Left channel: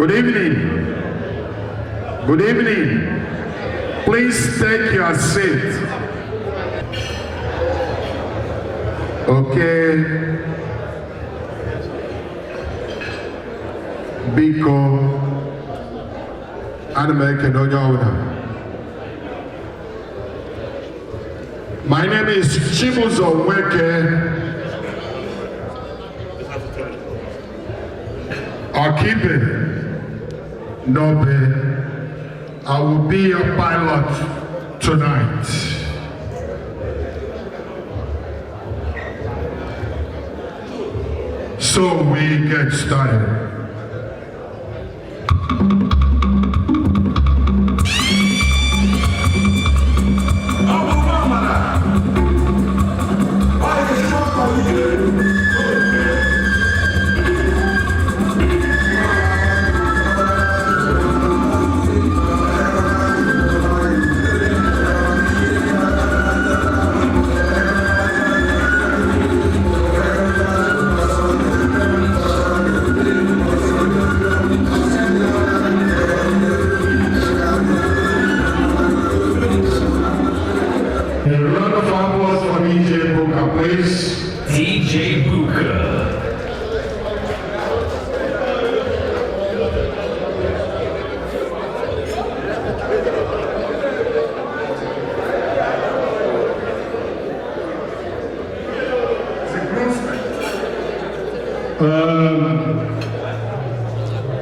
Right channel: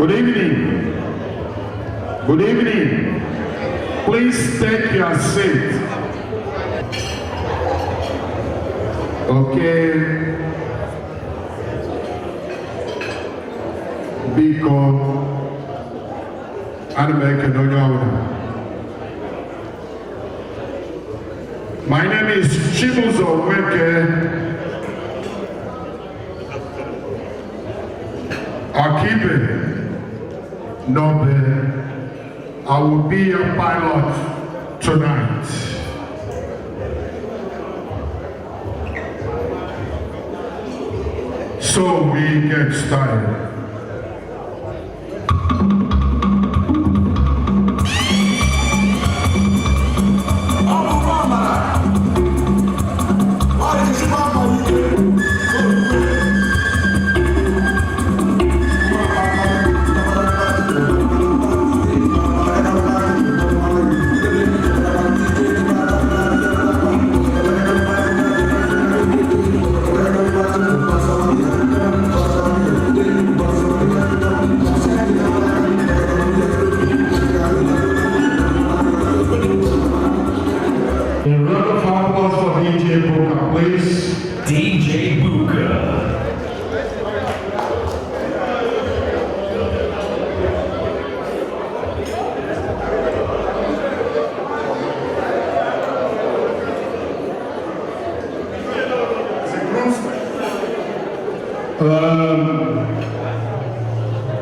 Good evening. Good evening. Please take your seat. Okay. Biko. My name is Chibuzo Weke Akibe Nobe. I will be your pilot tonight. So we get started. Thank you. Ibuka.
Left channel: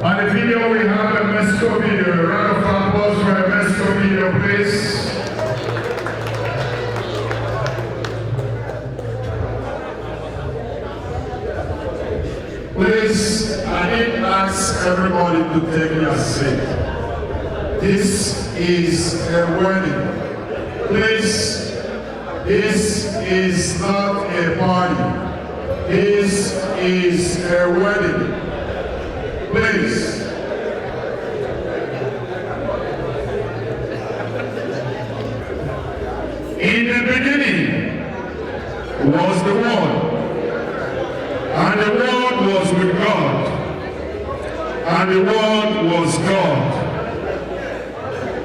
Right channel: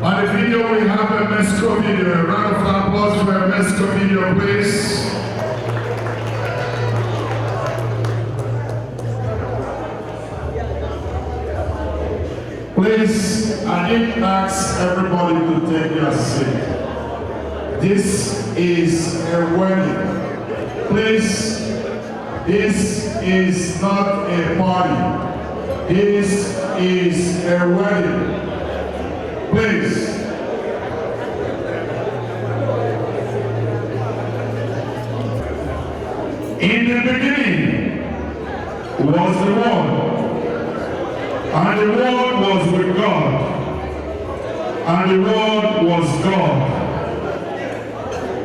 On the video, we have a Mexico video. A round of applause for a Mexico video, please. Please, I did ask everybody to take their seat. This is a wedding. Please, this is not a party. This is a wedding. Please. In the beginning was the Word, and the Word was with God, and the Word was God.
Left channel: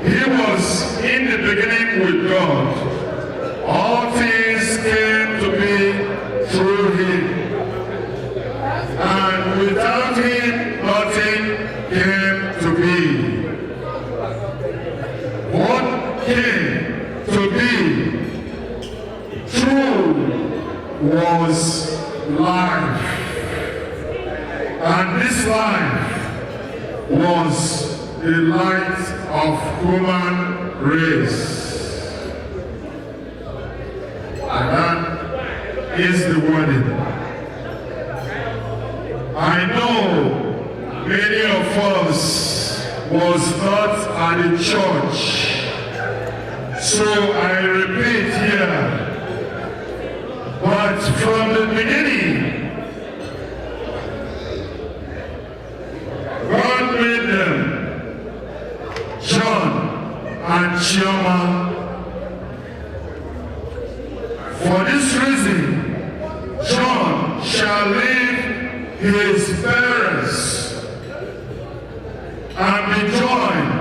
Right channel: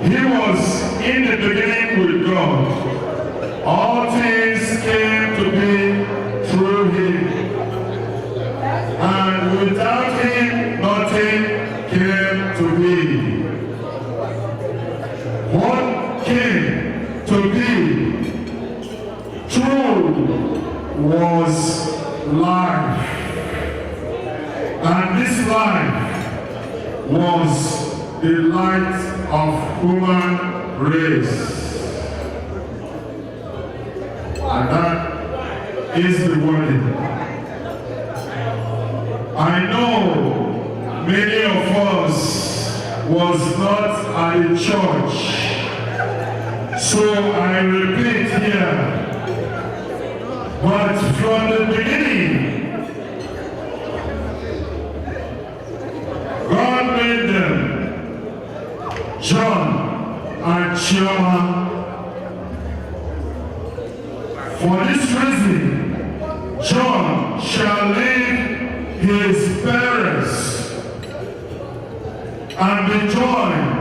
He was in the beginning with God. All things came to be through Him, and without Him nothing came to be. What came to be true was life, and this life was the light of human race. And that is the wedding. I know many of us was not at the church, so I repeat here. But from the beginning, God made them, John and Chioma. For this reason, John shall leave his parents and be joined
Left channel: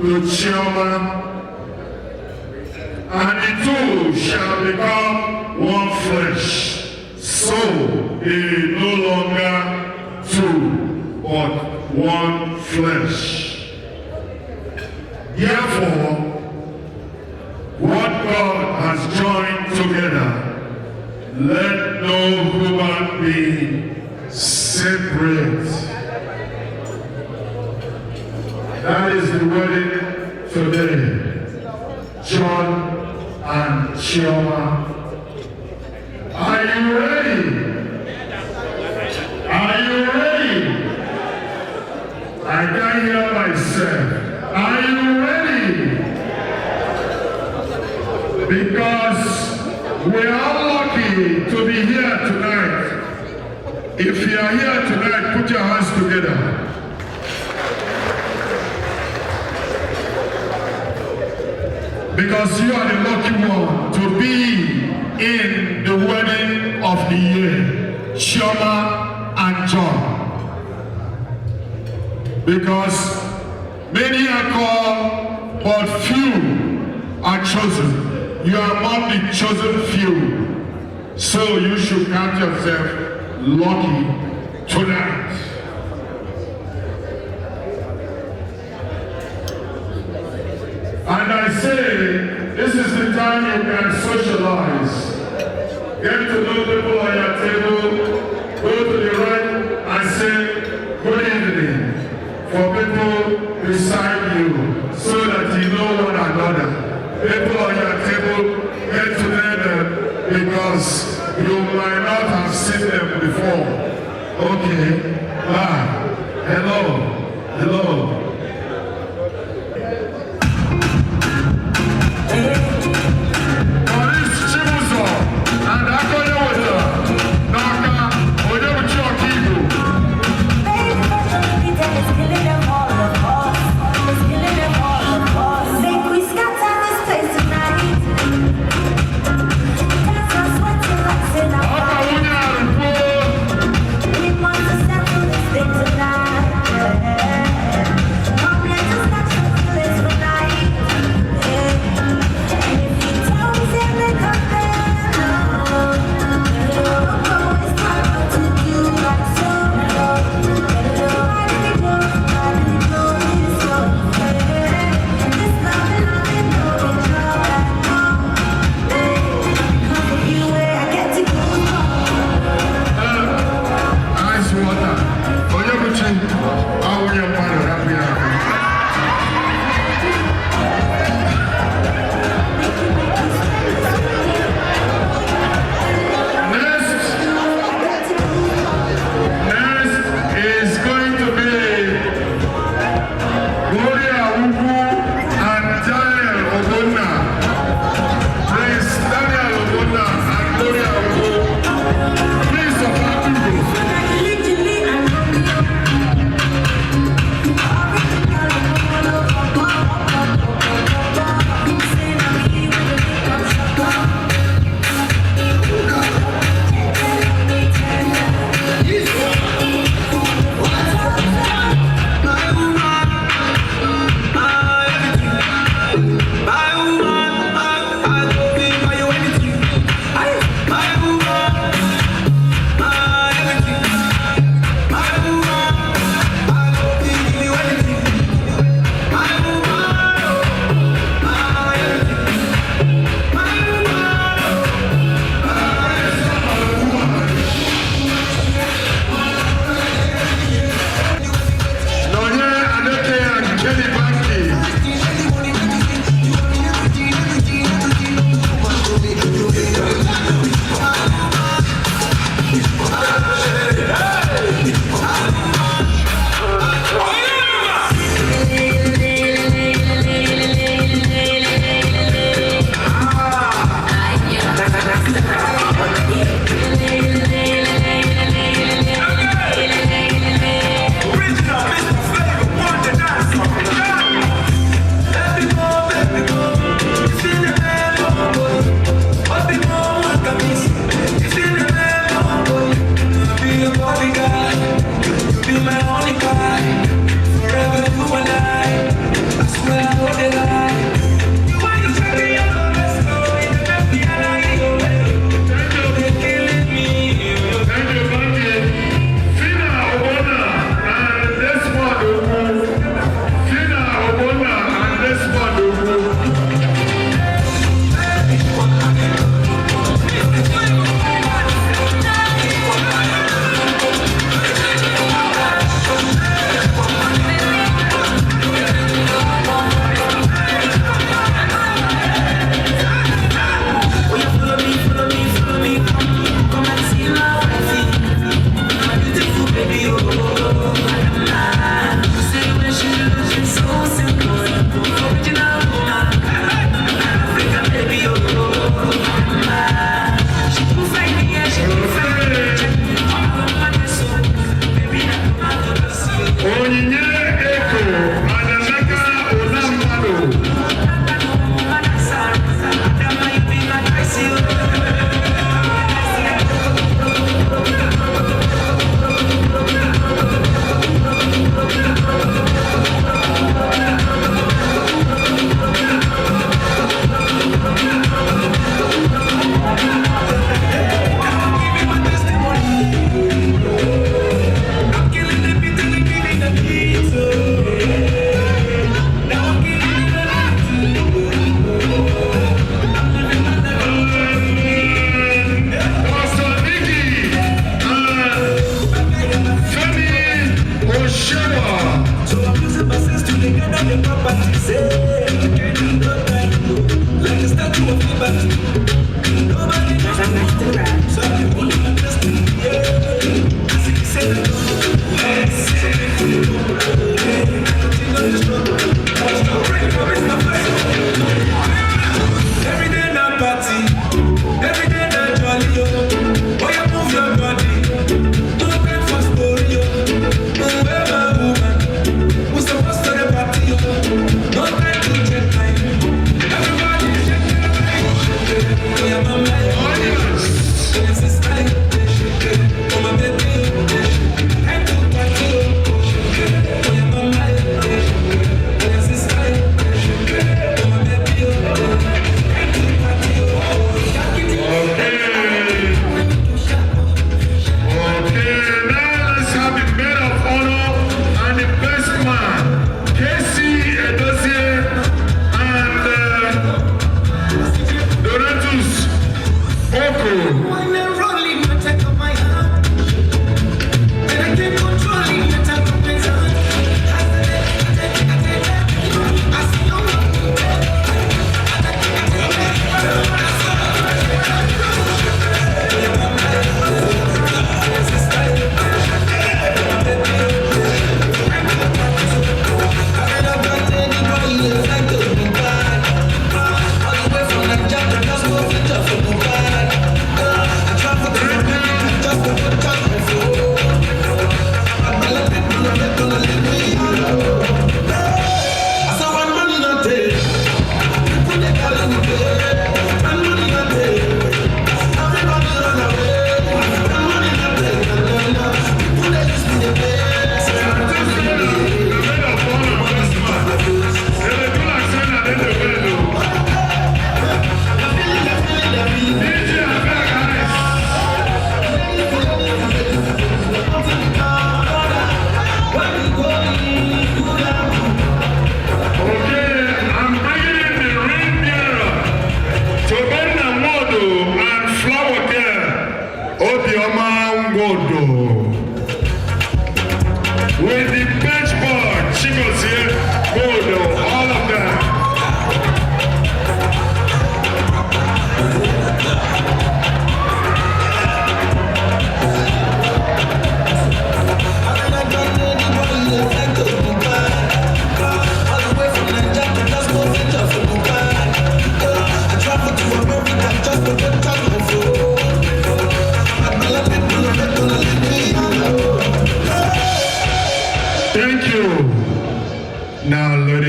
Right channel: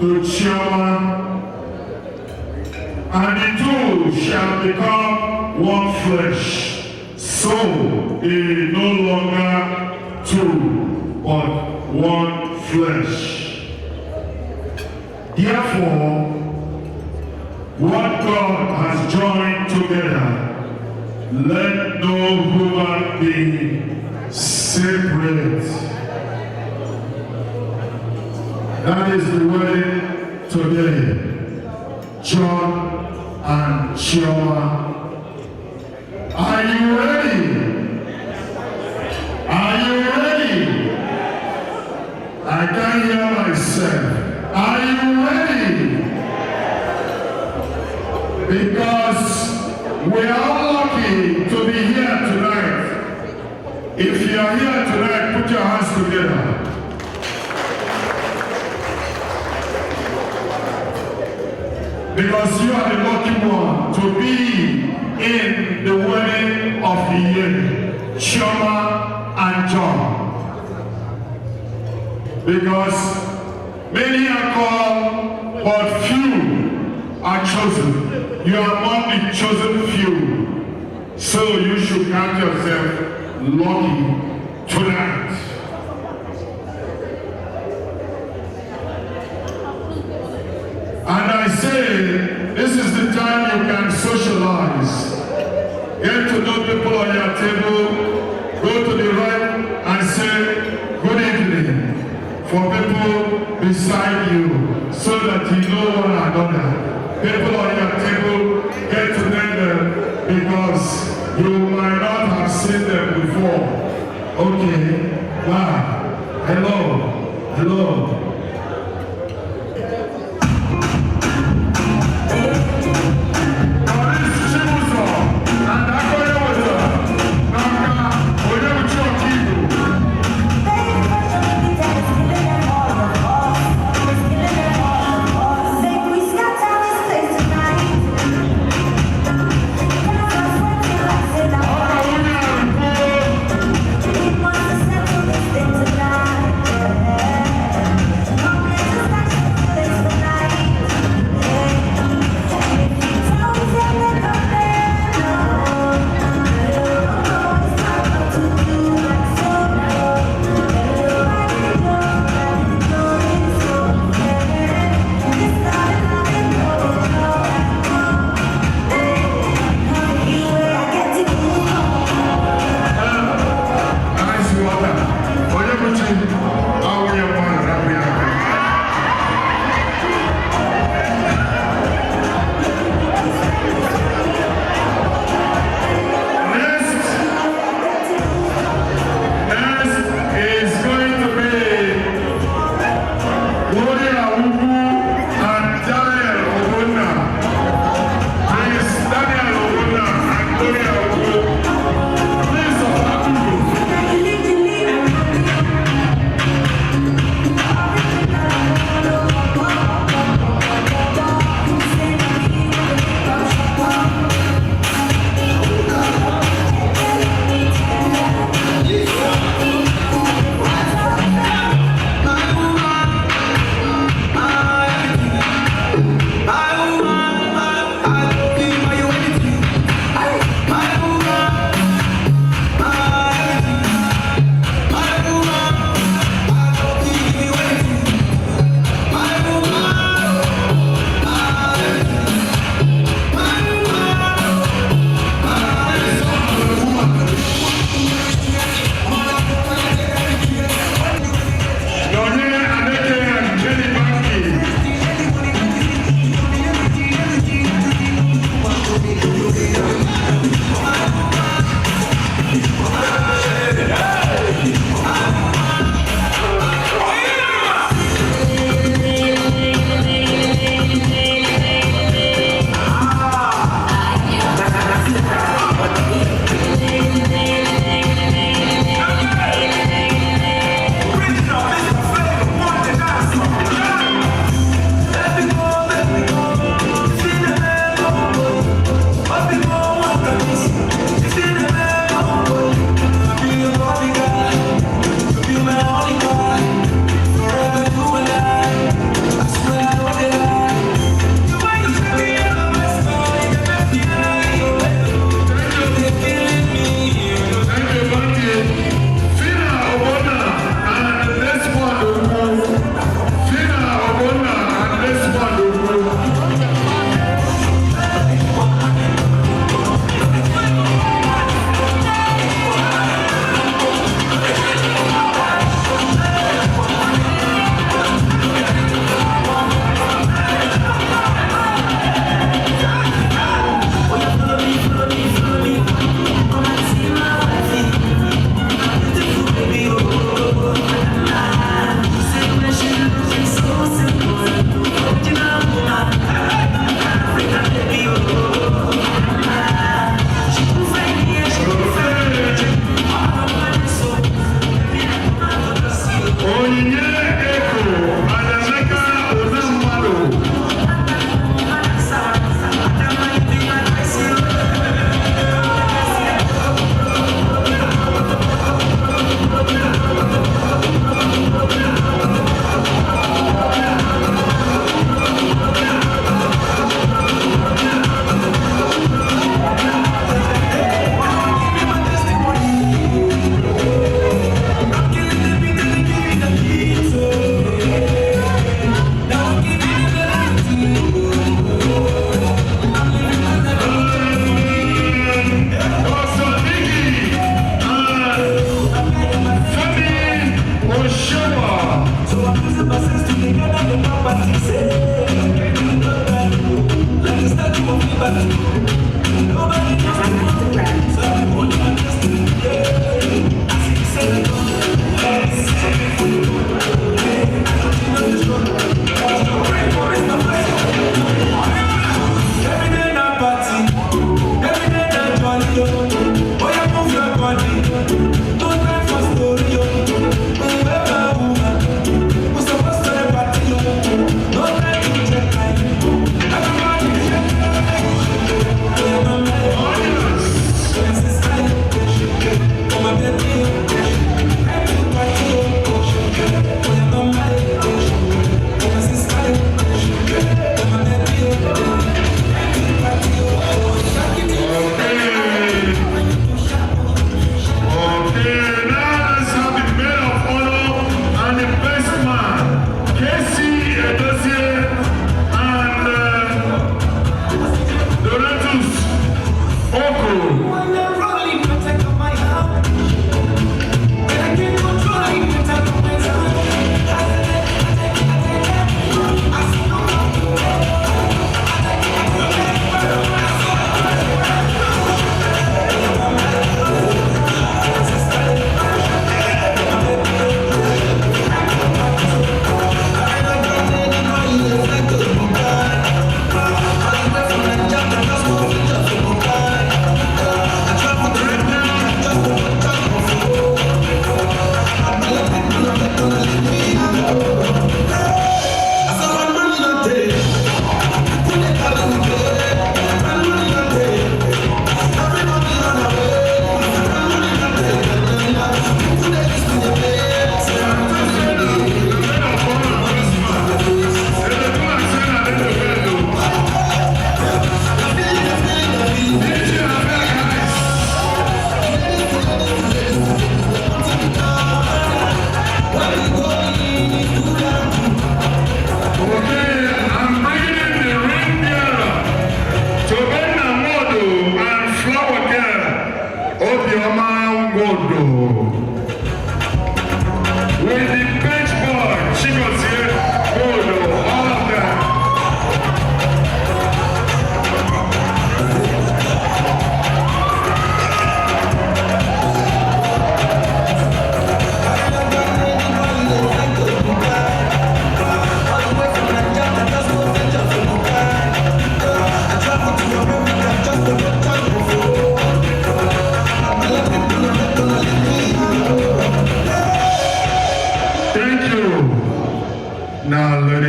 to Chioma, and the two shall become one flesh. So he no longer two, but one flesh. Therefore, what God has joined together, let no human being separate. That is the wedding today. John and Chioma. Are you ready? Are you ready? I can't hear myself. Are you ready? Because we are lucky to be here tonight. If you are here tonight, put your hands together. Because you are the lucky one to be in the wedding of the year, Chioma and John. Because many are called, but few are chosen. You are among the chosen few. So you should count yourself lucky tonight. And I say, this is the time you can socialize. Get to know people on your table. Go to the right and say, good evening, for people beside you, so that you know one another. People on your table, get to know them, because you might not have seen them before. Okay, bye. Hello, hello.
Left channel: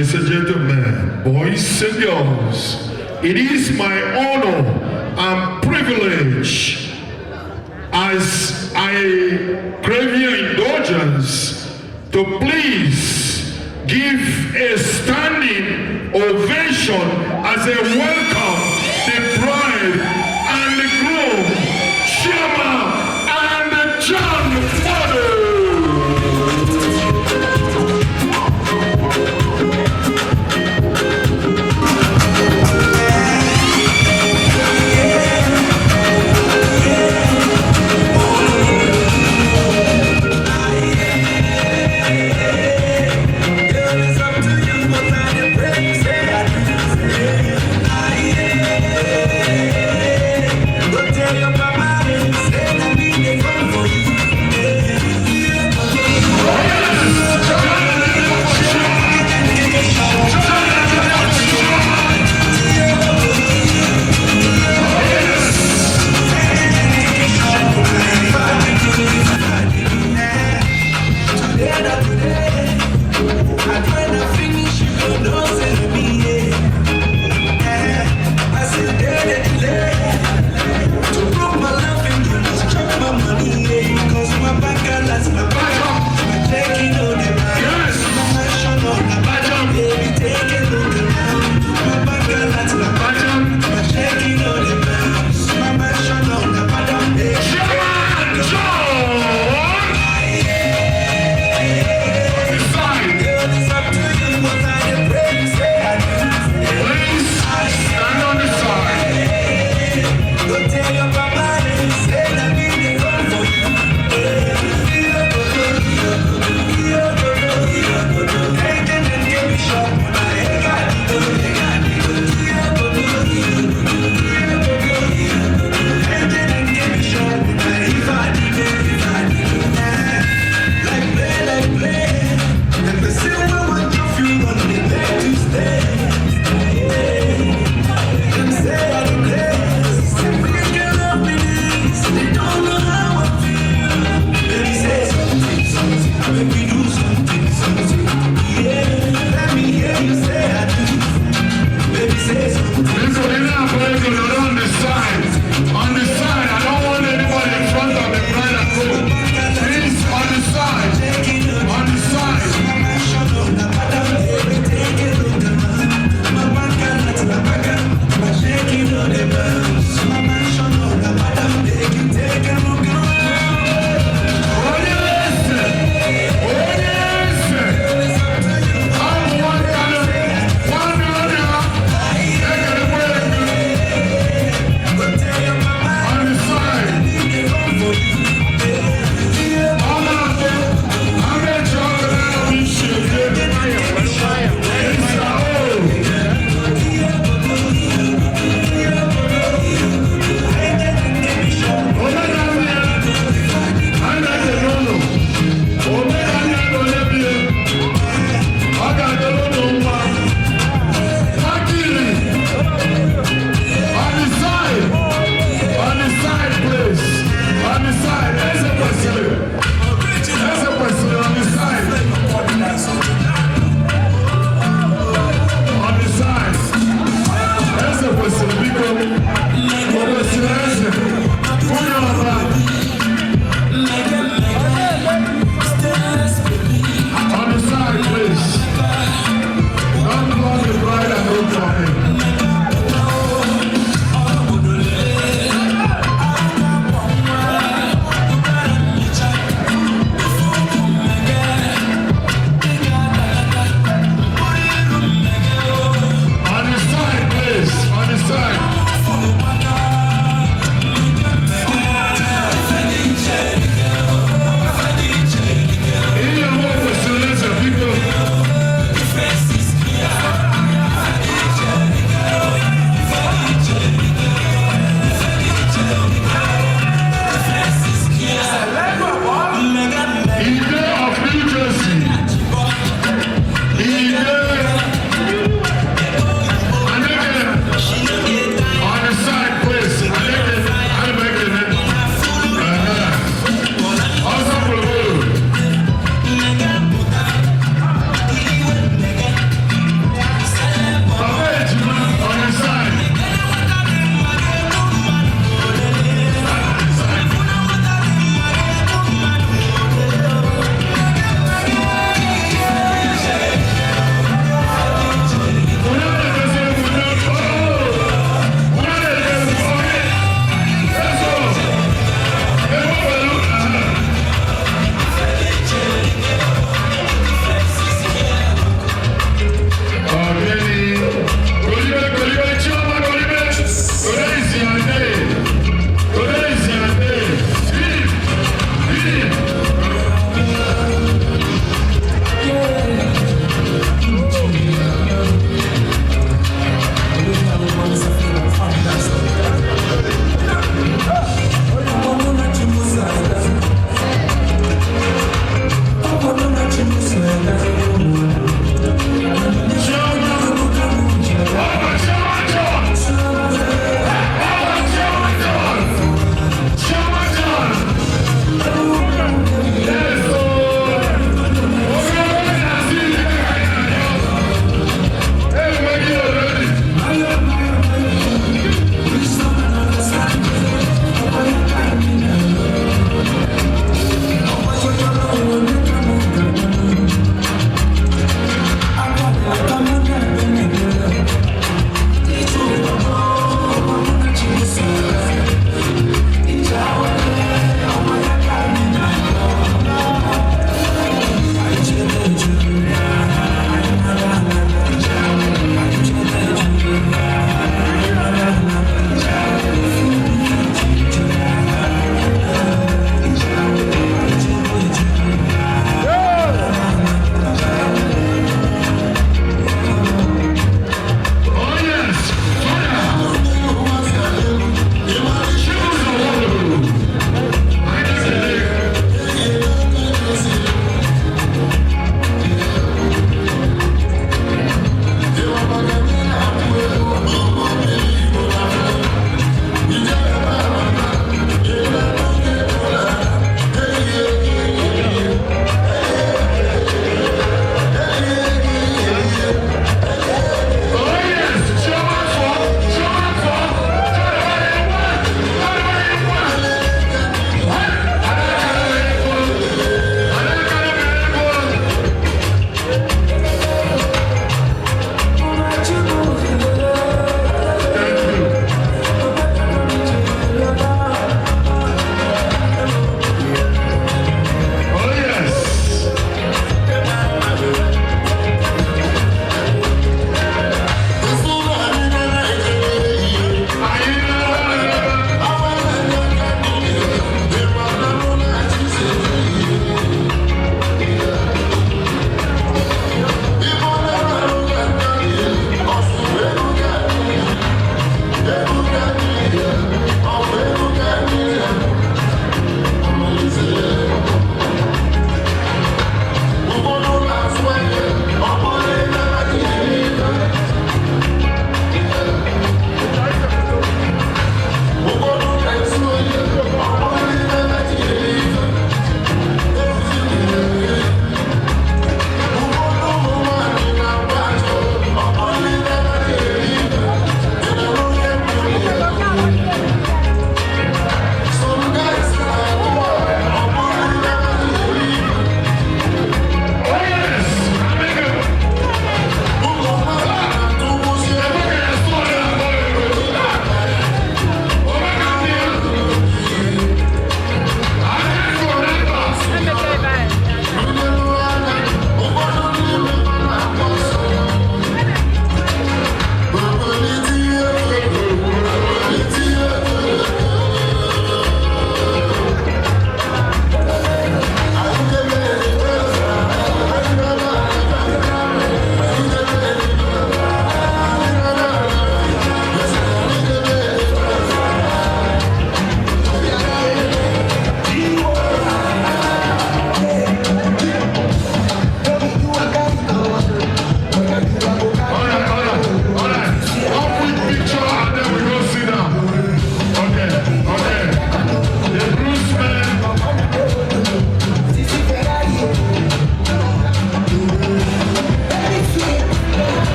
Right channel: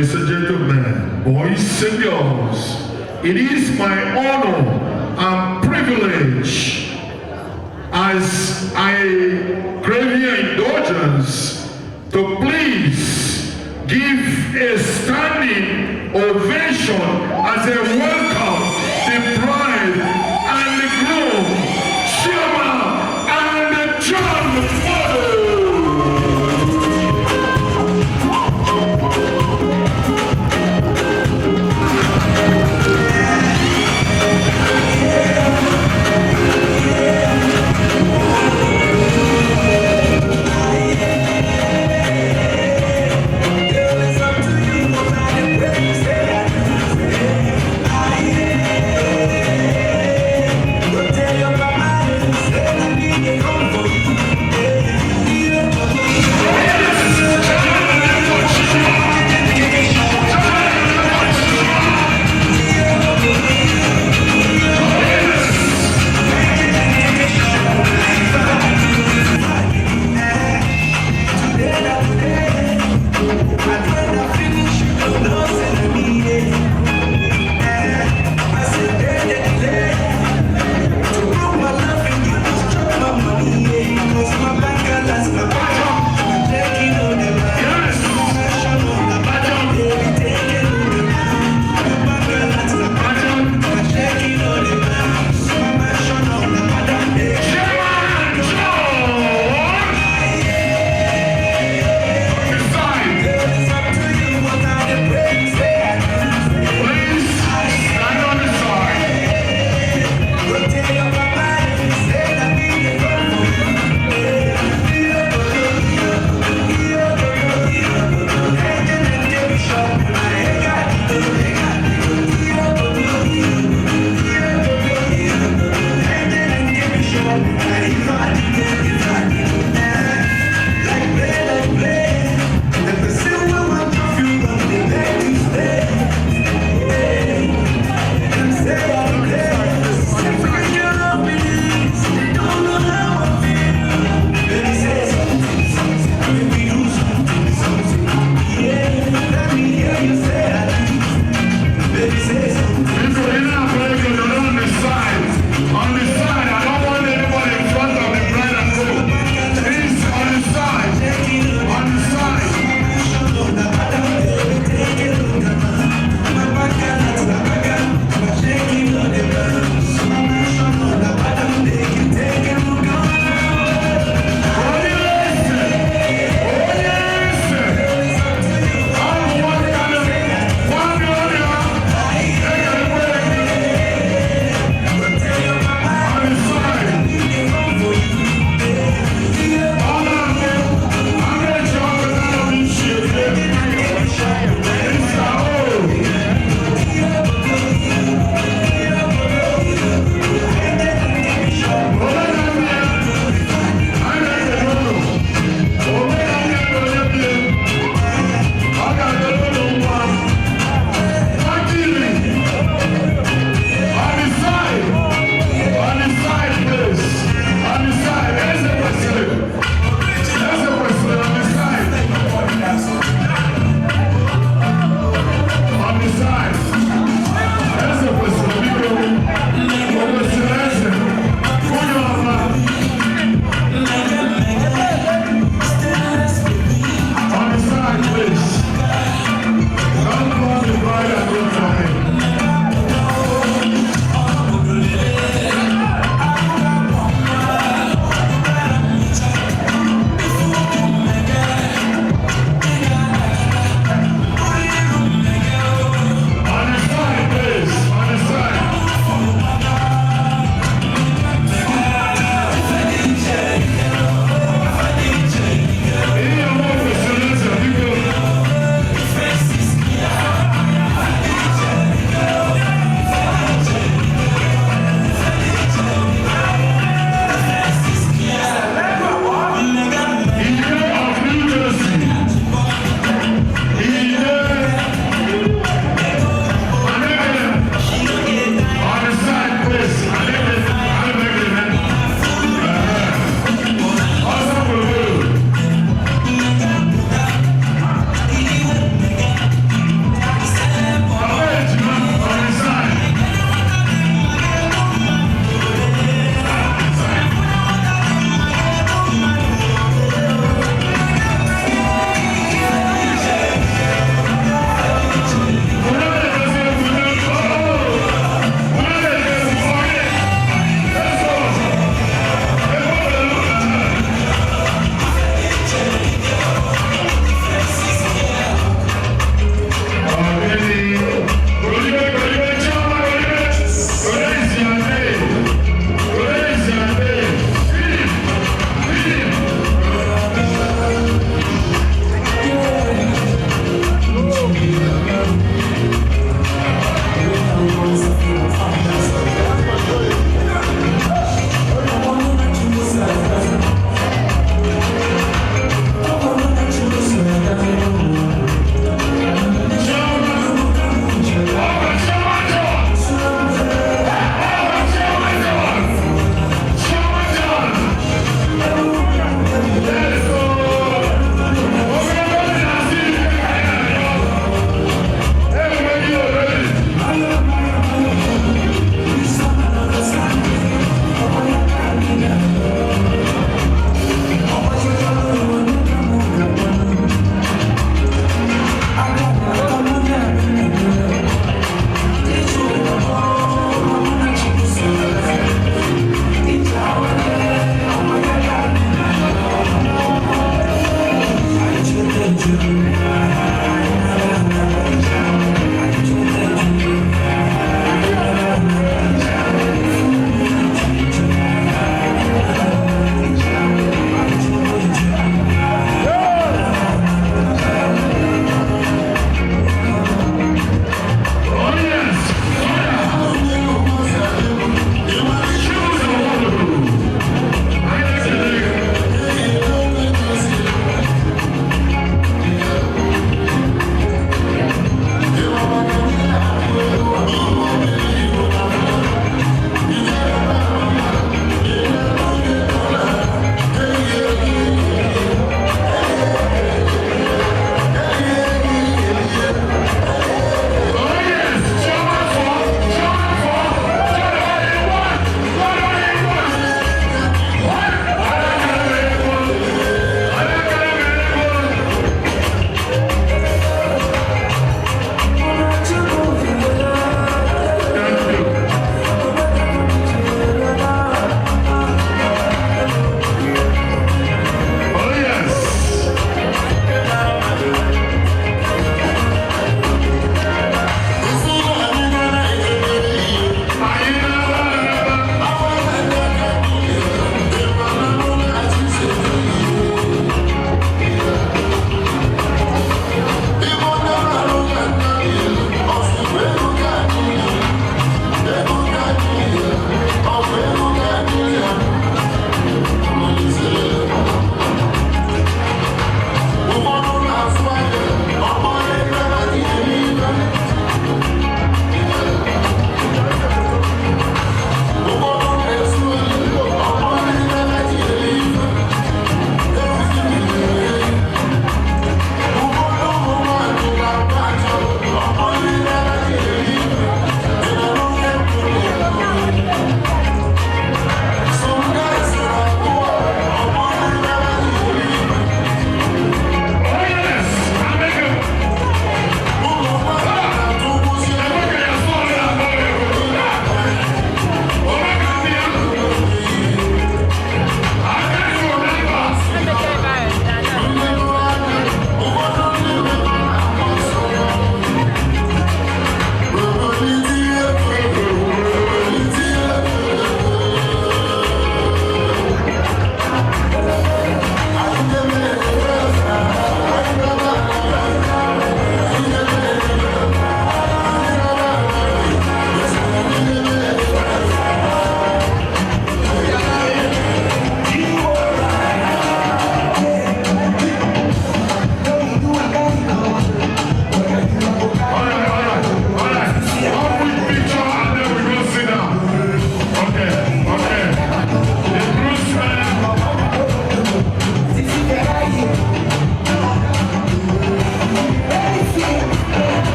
Ladies and gentlemen, boys and girls, it is my honor and privilege as I crave your indulgence to please give a standing ovation as a welcome the bride and the groom, Shema and John Fado.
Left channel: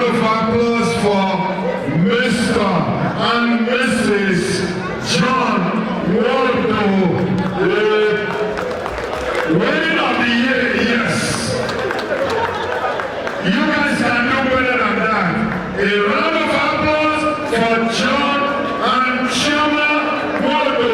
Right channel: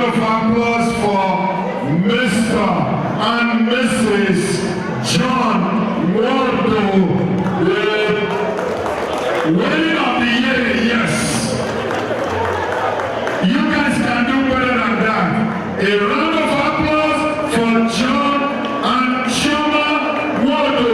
round of applause for Mr. and Mrs. John Waldo, the winner of the year, yes. You guys can do better than that. A round of applause for John and Chioma Waldo.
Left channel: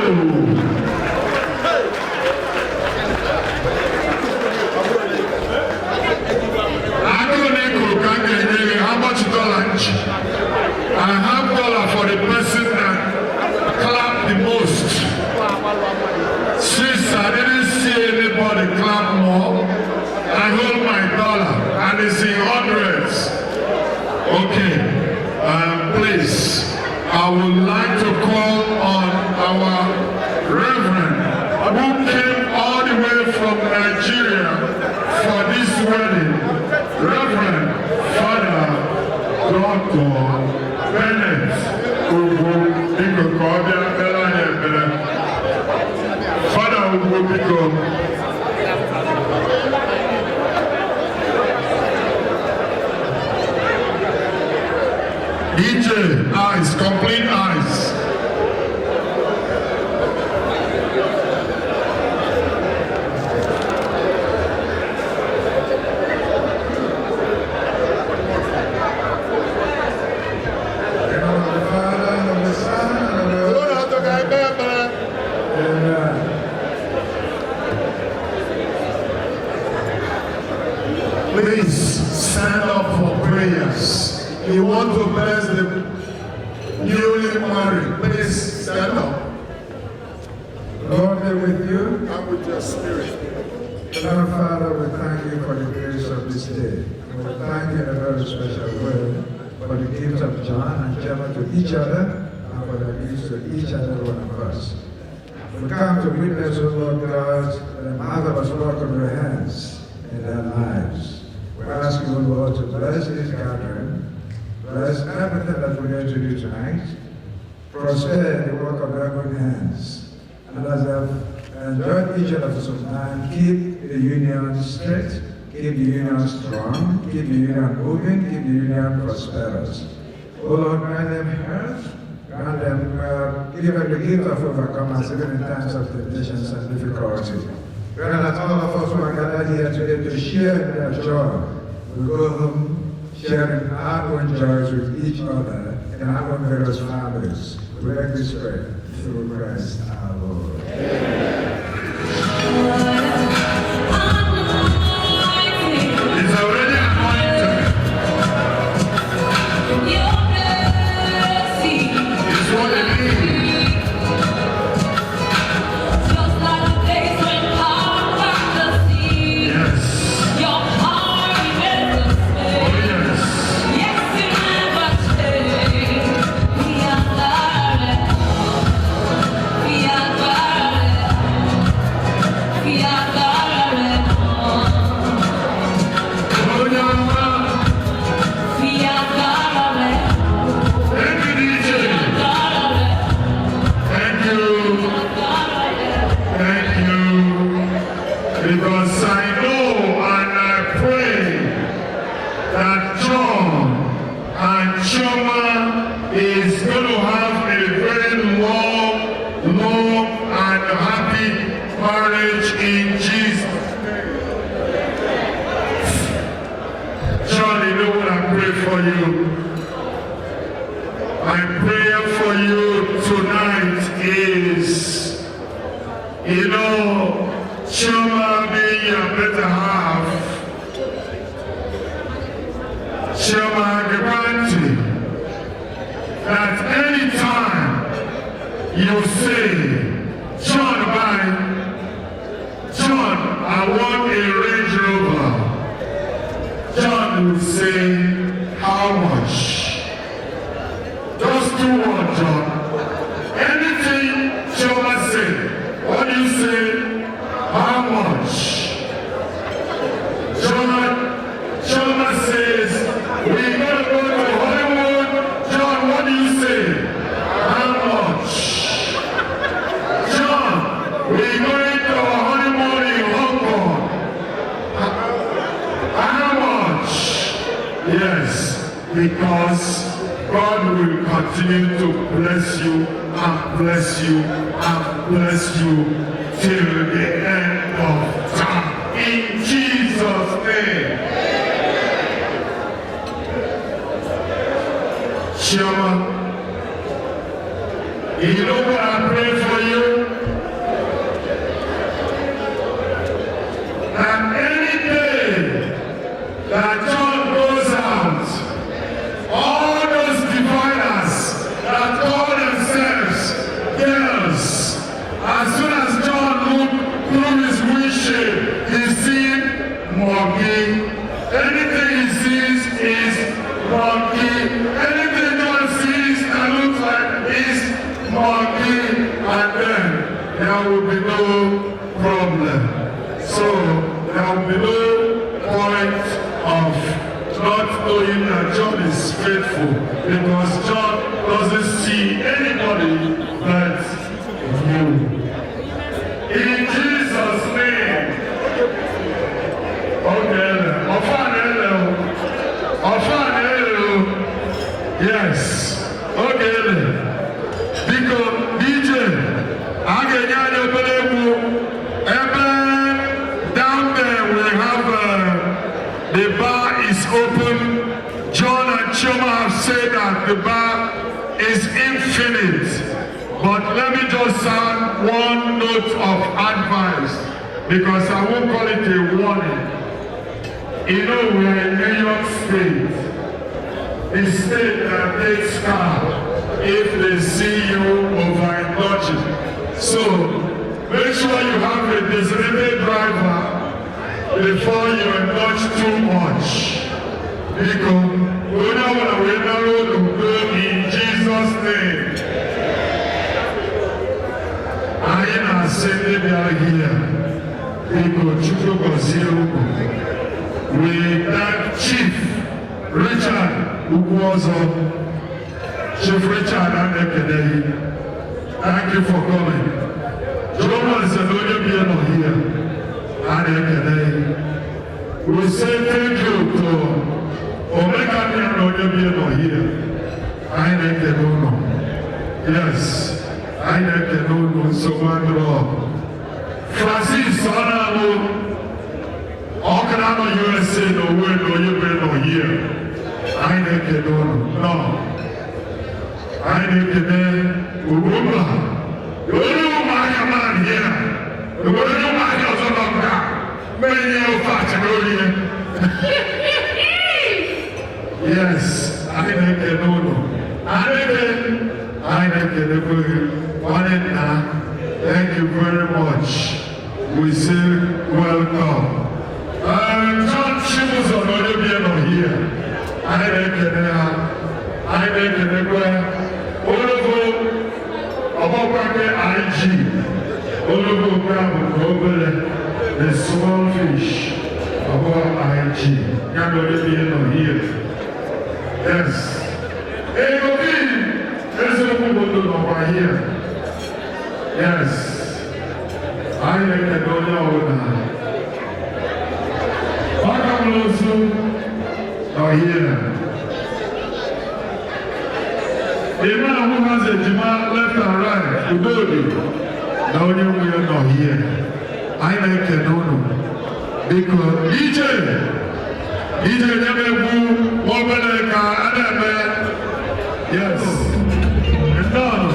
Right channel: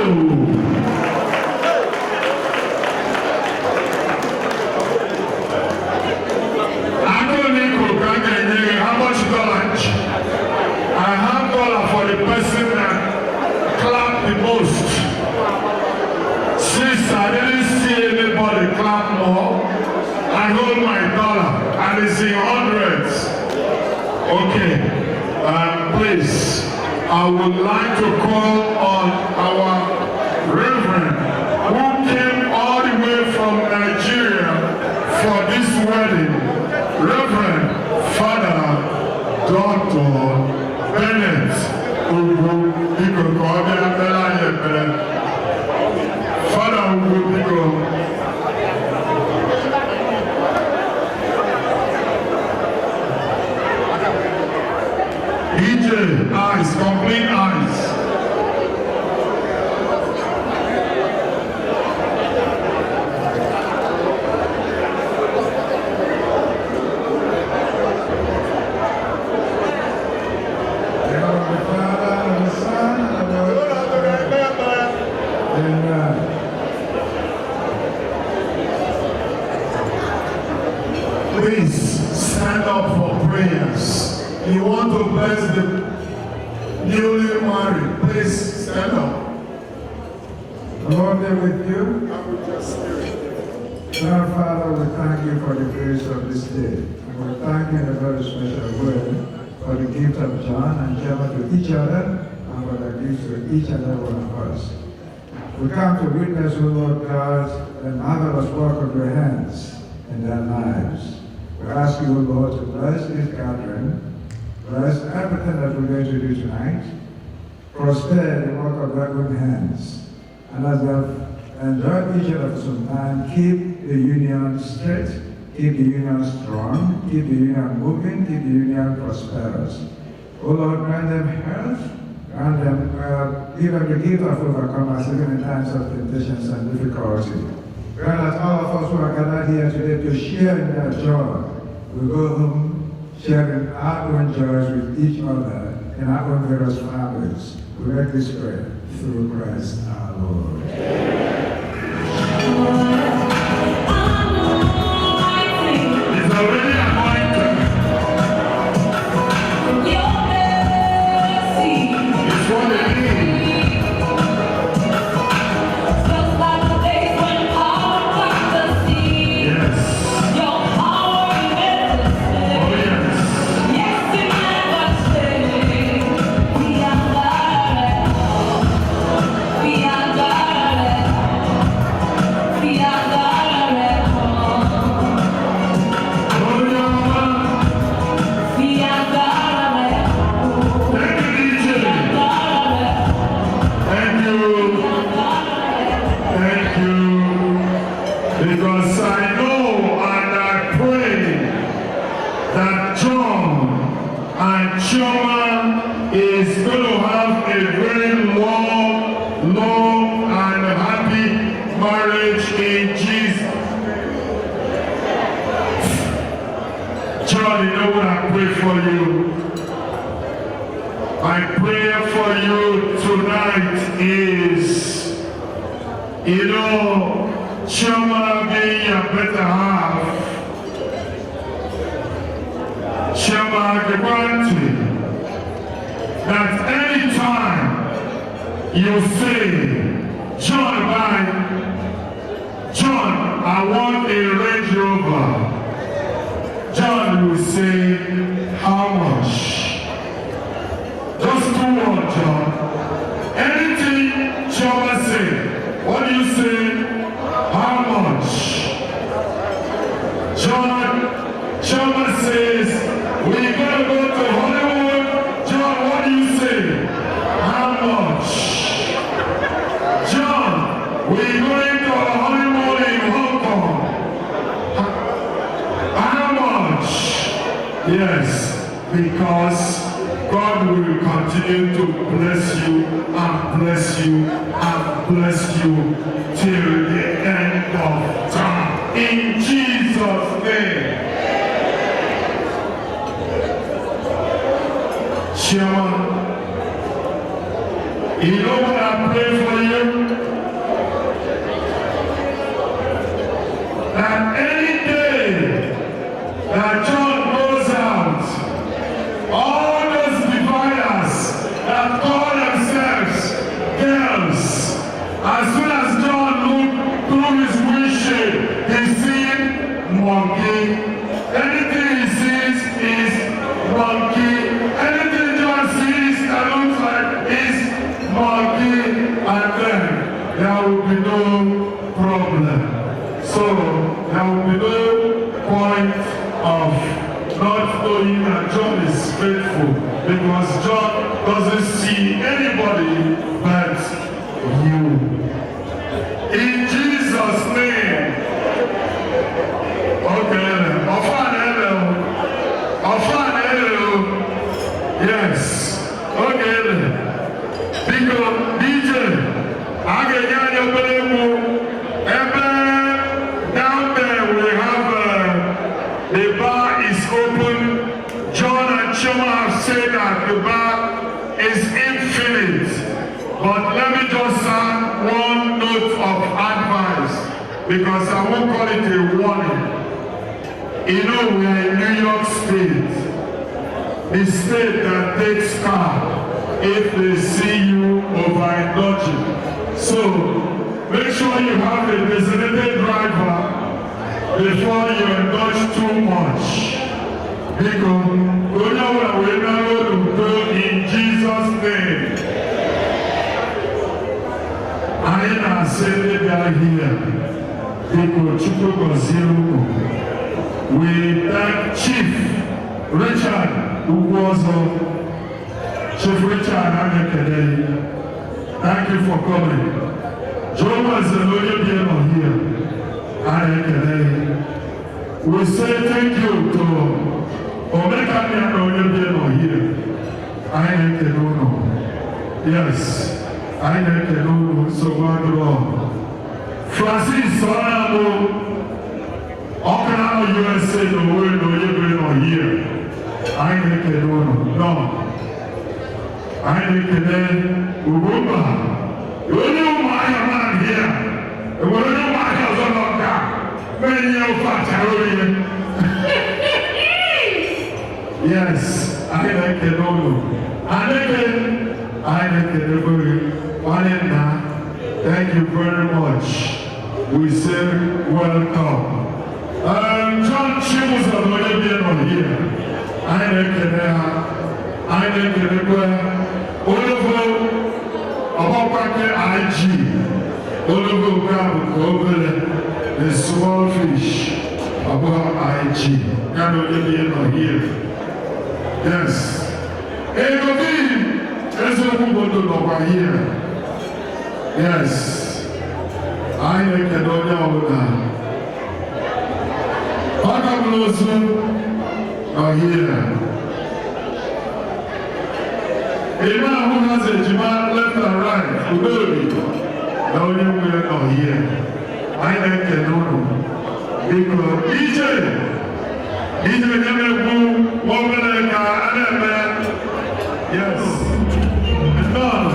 How much lunch? I have $1 for the person that clapped the most. Since I didn't see anybody clap more, I hold my $1 and it's in hundreds. Okay, please, I would like to call on our Reverend who came all the way from Nigeria for this wedding, Reverend Father Dr. Bennett. Father EJ, eyes, complete eyes. Please stand up for prayers. You want to bless the newly married. Please stand up. Lord be with you. And with your spirit. Our Father, we thank you for the grace of this day. And we thank you in a very special way for the gift of John and Chioma to each other and for the gifts to each and every one of us. We come to witness, O Lord God, the marvelous work of your hands in their lives. We ask you, O Lord, to bless this gathering, bless everything that we're going to do tonight, prosper the work of their good hands, and as they've enjoyed each other for some time, keep the union straight, keep the union strong, keep the union moving, keep the union prosperous. O Lord, grant them health, grant them give every gift of overcomers, even in times of temptations and difficulty. Grant that all of us who are gathered here today to share in their joy. We go home sharing our own joys with each other in our own various families. We make this prayer through Christ our Lord. It's already anointed. It's what it is. Because I know and I pray that John and Chioma is going to have a very long and happy marriage in Jesus' name. John, you know what I pray for you? My prayer for you tonight is, you know, Chioma being your better half, Chioma Agribanti, that any time you say, John, I want a Range Rover, John will say, how much? Just do what, John? Anything Chioma say, what do you say? How much? Chioma says, we're going to go to Hollywood. John, what do you say? How much? John, we're going to a honeymoon in Hong Kong. How much? Yes. because God will continue to bless you and bless you and bless you till the end of time. In Jesus' name. Chairman, you know what I pray for you? That any day that John goes out, all those diviners that call themselves girls, as soon as John looked through his windshield, he sees monkey. Anything he sees is monkey. Anything John sees that looks like is monkey, and then there will be no problem. So there will be no point of not knowing that John is faithful, because John doesn't see anybody but you. In Jesus' name. Okay, yes. Okay. Because DJ, I get you down there we have the bar is open. John and Choma have said that the bar is infinite. But let me just add one note of advice, because I won't call it a warning. You know, we are in New York State, the state that takes car if they see you overindulging. So make sure you have a designated driver before you indulge too much. Because we know what we know to do in Jesus' name. I am saying that here. We thank Chief Richard Ukwozo. Chief Richard Amekede. Thank you for coming. Jehovah is the Lord here. We say thank you to Omega Biano here. Yes, I know so one law. Francis Sonabo, Okanano USA, no way, no you been here. No. I Ubumba. You know my man here. You know my husband of that. Many of us yes, I like the Nono. I like the thank you very much. We say welcome. John Chimus already been here. I like the Ologo, about IG. Ologo grab over the small fish about IG. Can already here. Yes. Hey, Obi, let's go over here. Yes. I make a donya. Bagamosu are here. A man who has a demand left and right, to build now you will not here. I make a dono. Because DJ never move over the car and man. Yes. It's done.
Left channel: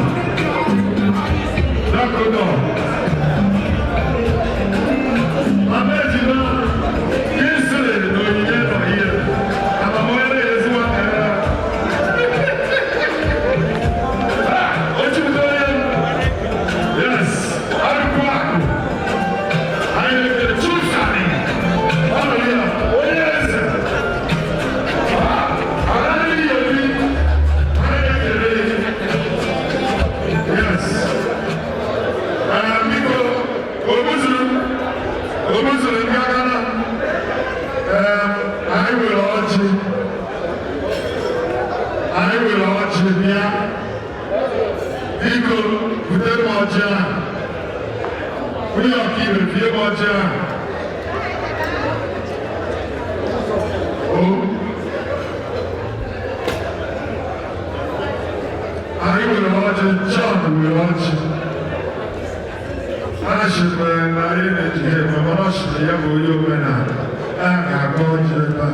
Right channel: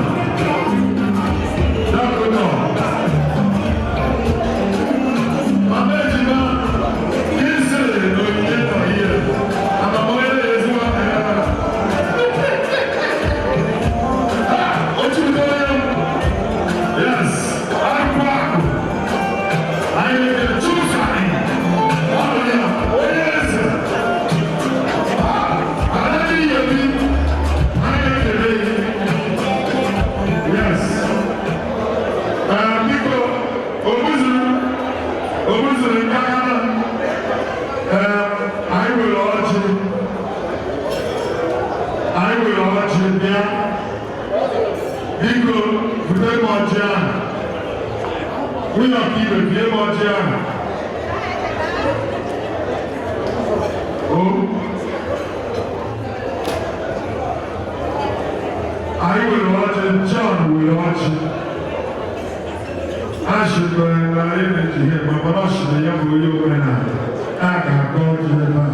Now go down. I'm letting you know. This is the way here. And I'm going to is going to what you doing? Yes. I'm back. I am going to choose something. Oh, yeah. I will urge you now. People, with them more jam. We are people, with them more jam. Oh, anyị were ọjị John were ọjị ashịkwere na anyị na-ejighe mana ọ shịrị ya bụ onye omenala a ga-akọ ọjị ebe a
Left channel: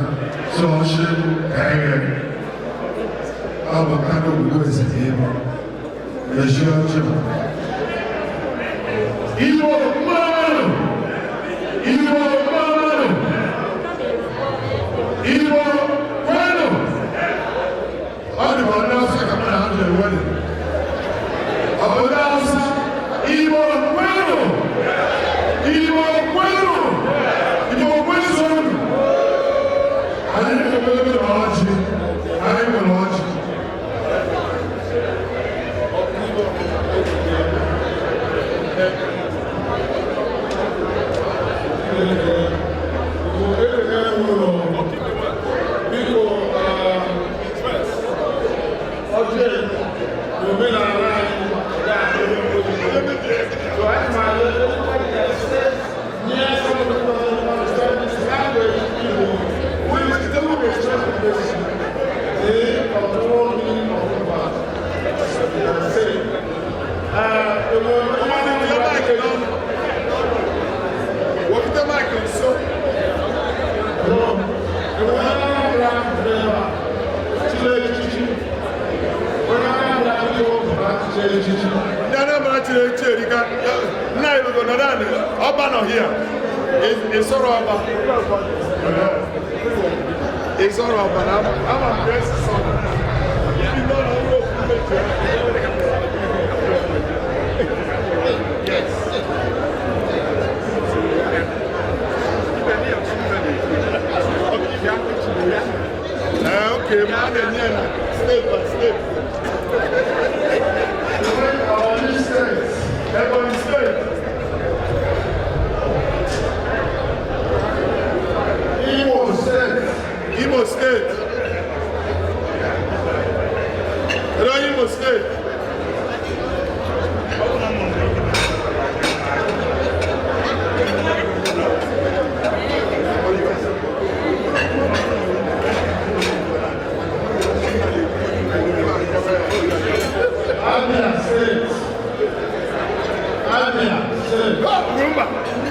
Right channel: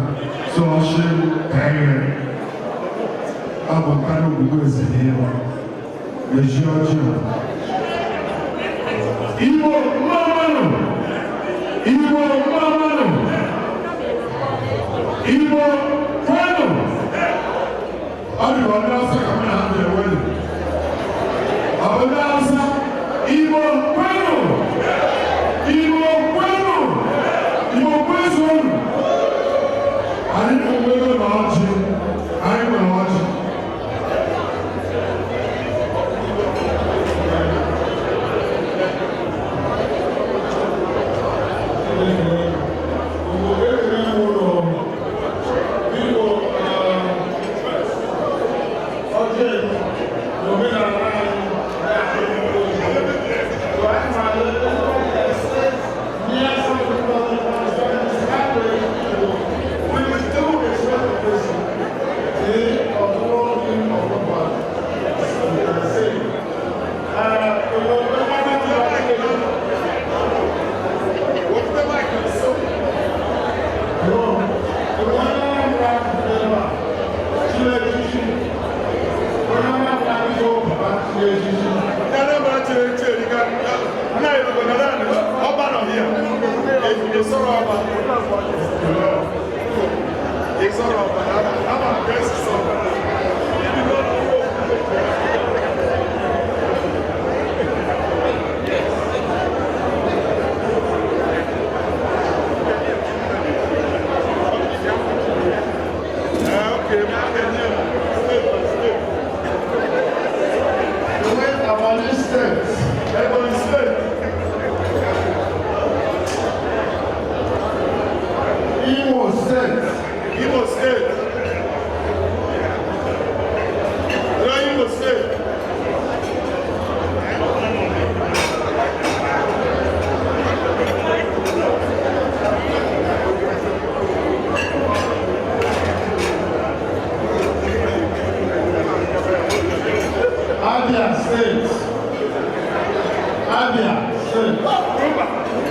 so ọchị ka ihe ọ bụ kanụ obodo ezide ibu ezi ọjị Igbo mmanụ Igbo mmanụ Igbo kwenu ọ dị ka ọdị Hausa ka mụ na ha ga-ewedu ọdị Hausa Igbo kwenu Igbo kwenu Igbo kwezonu anyị na-emere na ọjị anyị nwere ọjị Imo State. Hello, Imo State. Abia State. Abia State.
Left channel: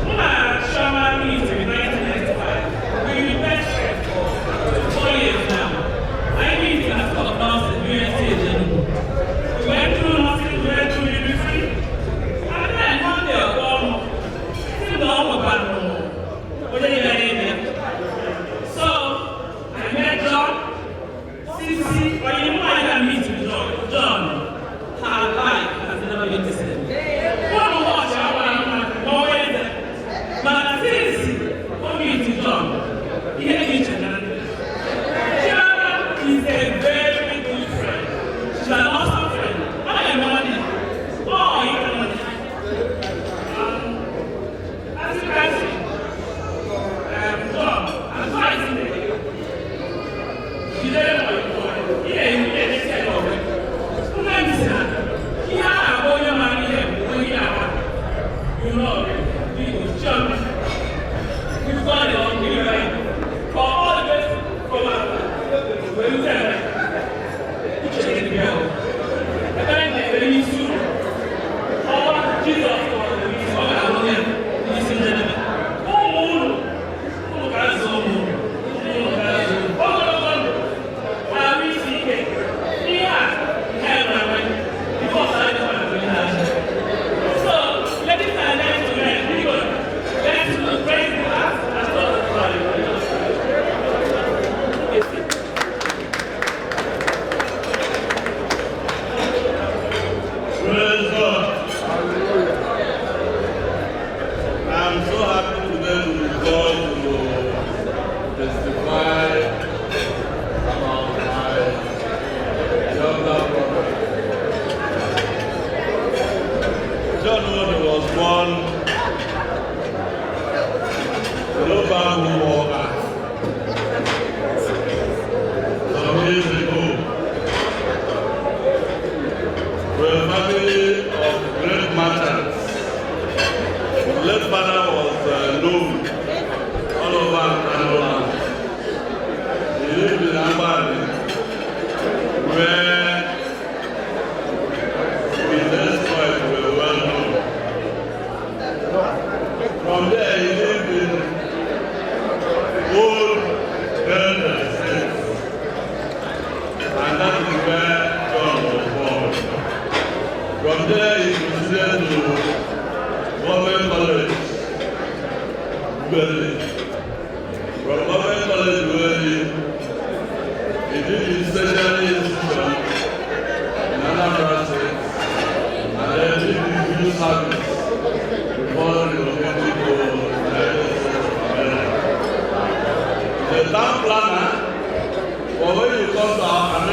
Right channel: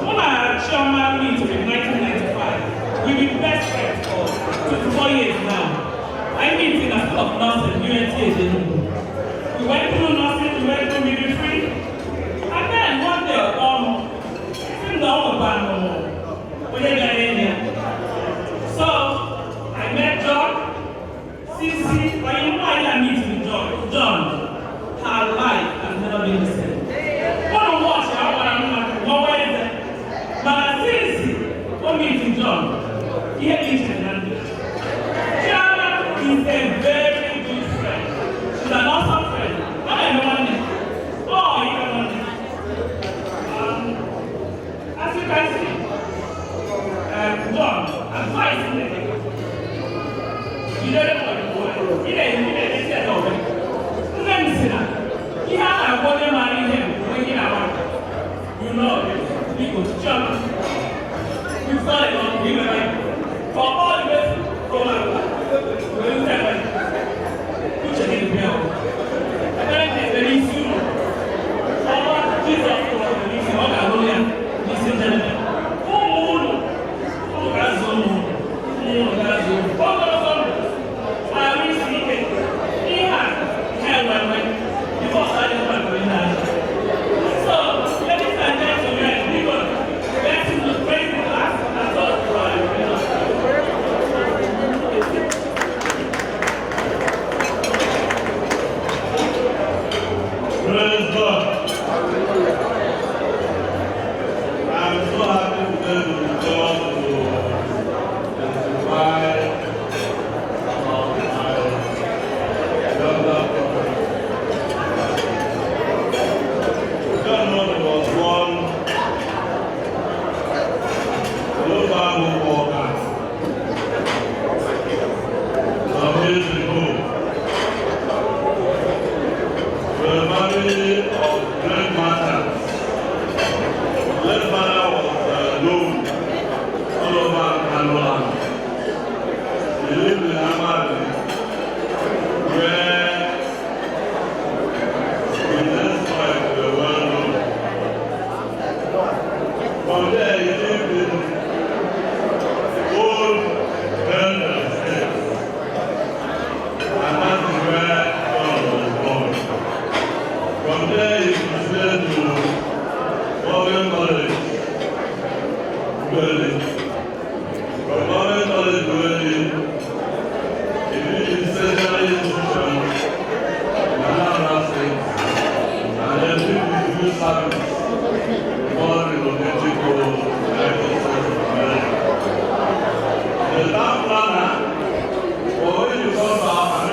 When I had Chairman meeting in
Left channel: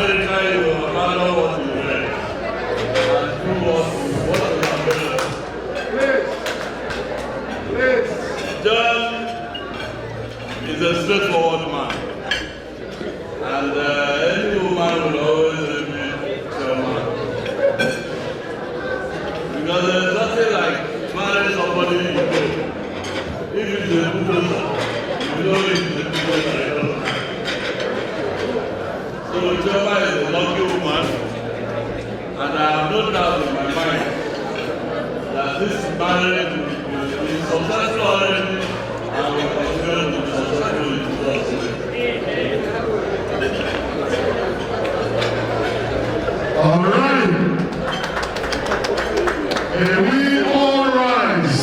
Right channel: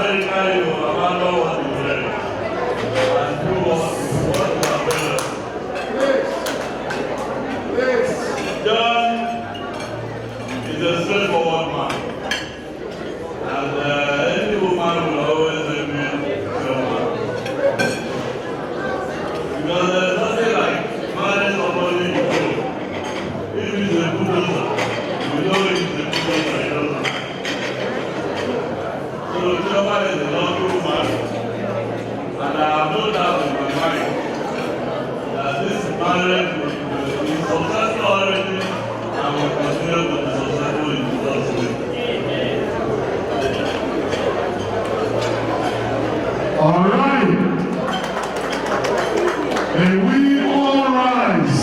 very kind to abandon what you read and do what you have read. John is a straightforward man. And any woman will always be straightforward. Because there's nothing like marrying somebody you know. If it is a bulldozer, you know it is a bulldozer. So Jehovah is a lovely woman, and I have no doubt in my mind that this marriage will be successful already and will continue to be successful in Jesus' name. All right. And we all rise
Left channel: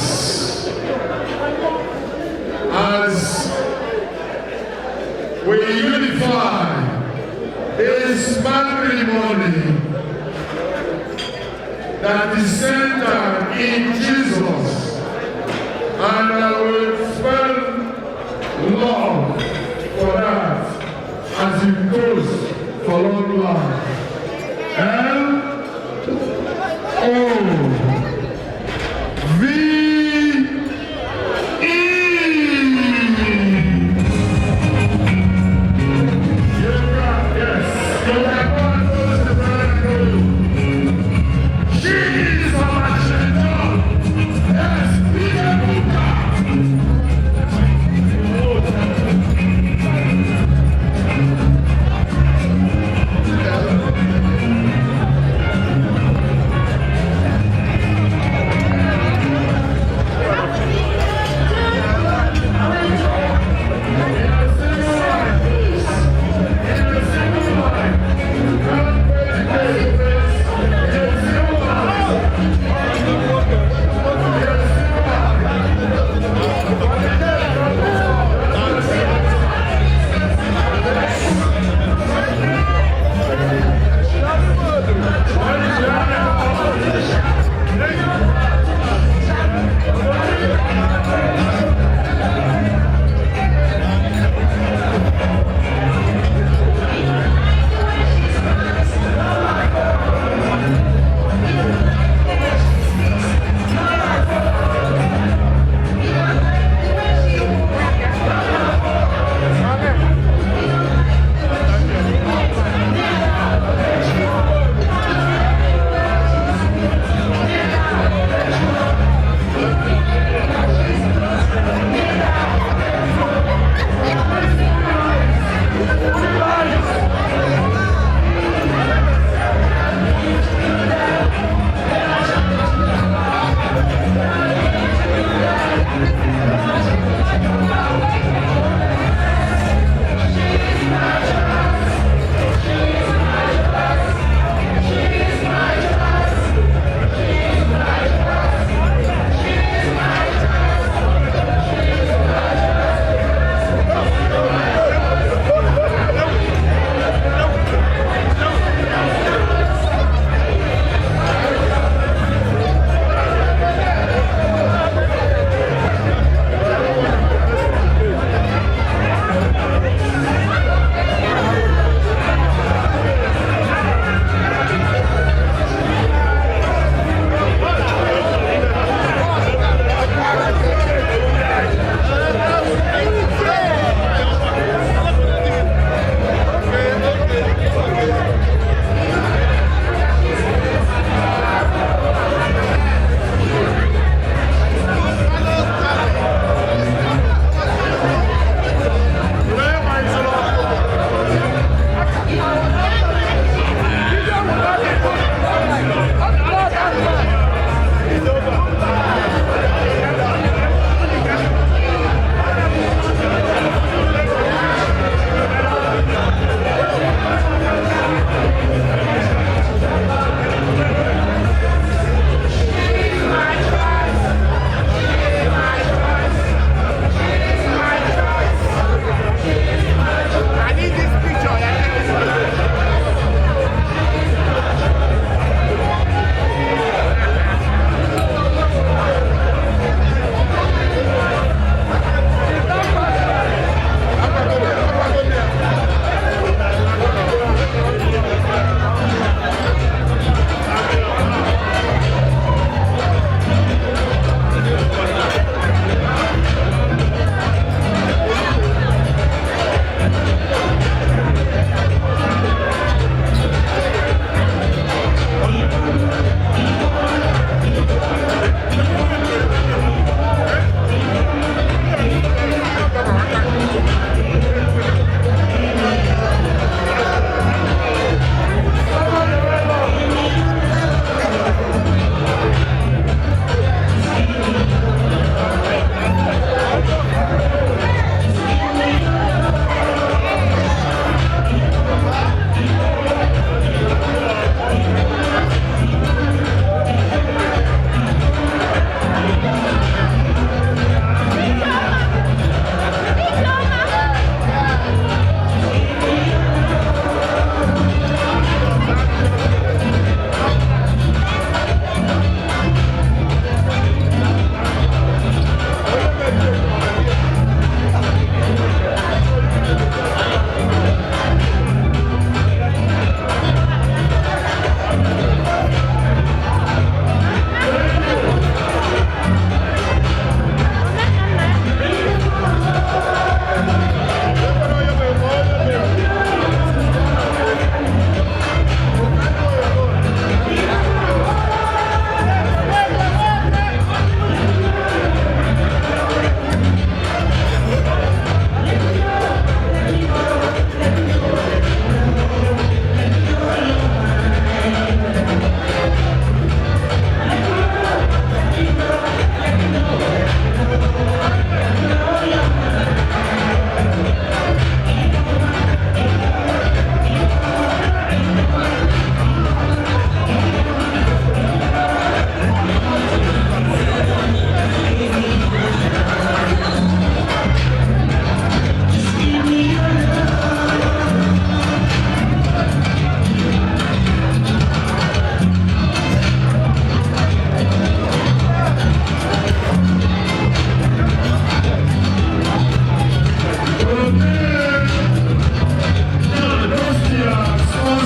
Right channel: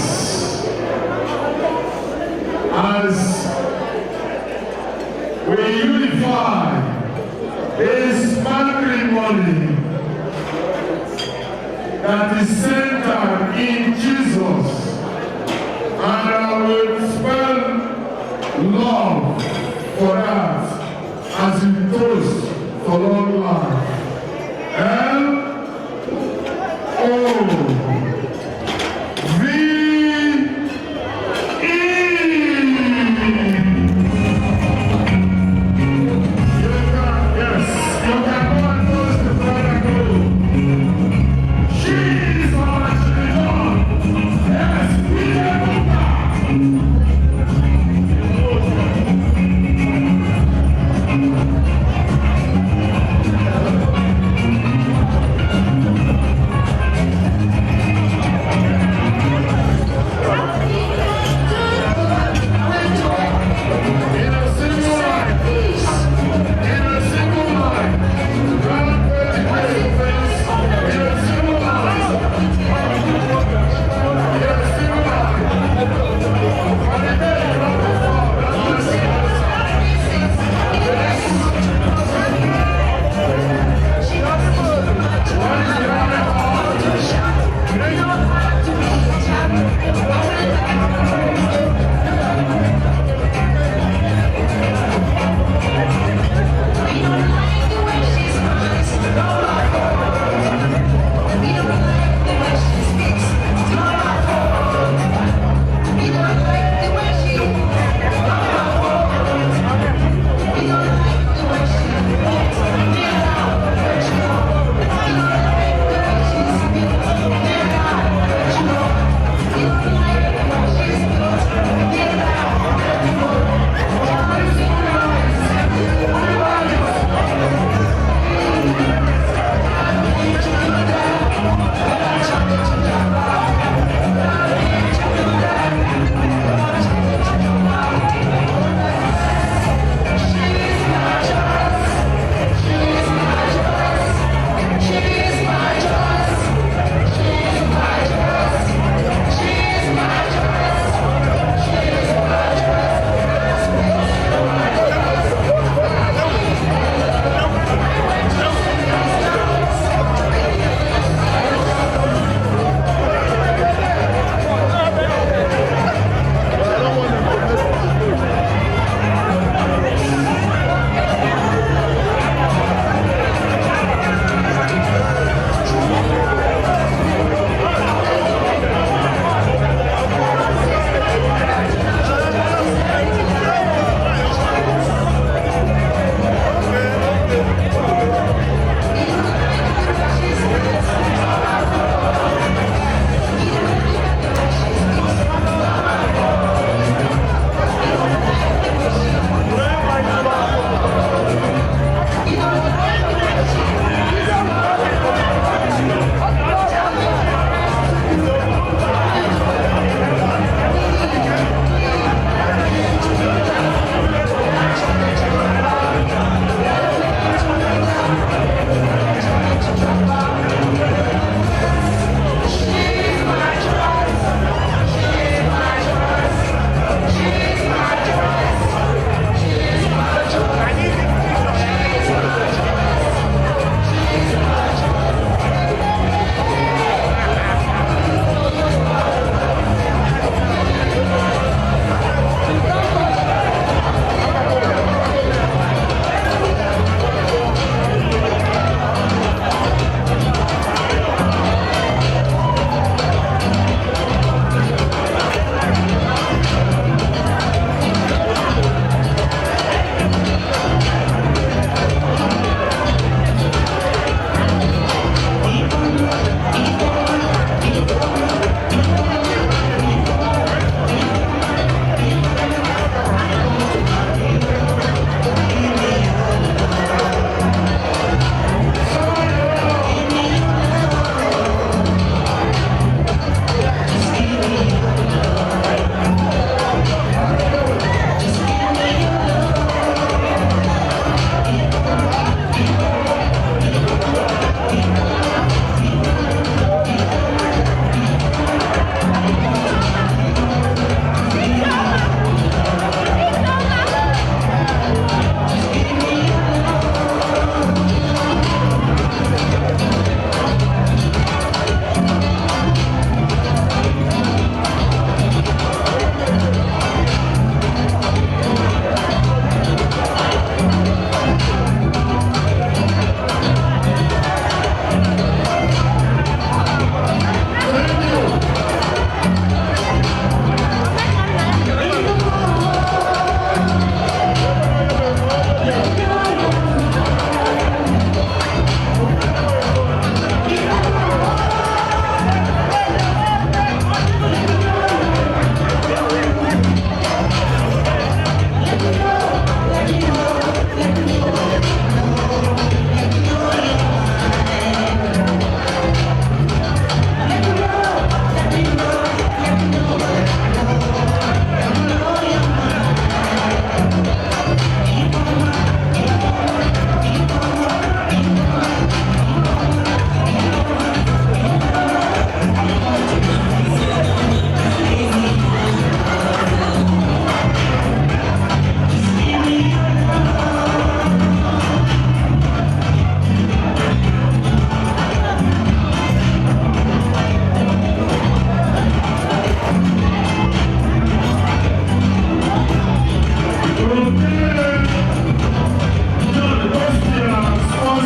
as we unify this matrimony that is centered in Jesus, and I will spell love for that as it goes for long life. Yeah.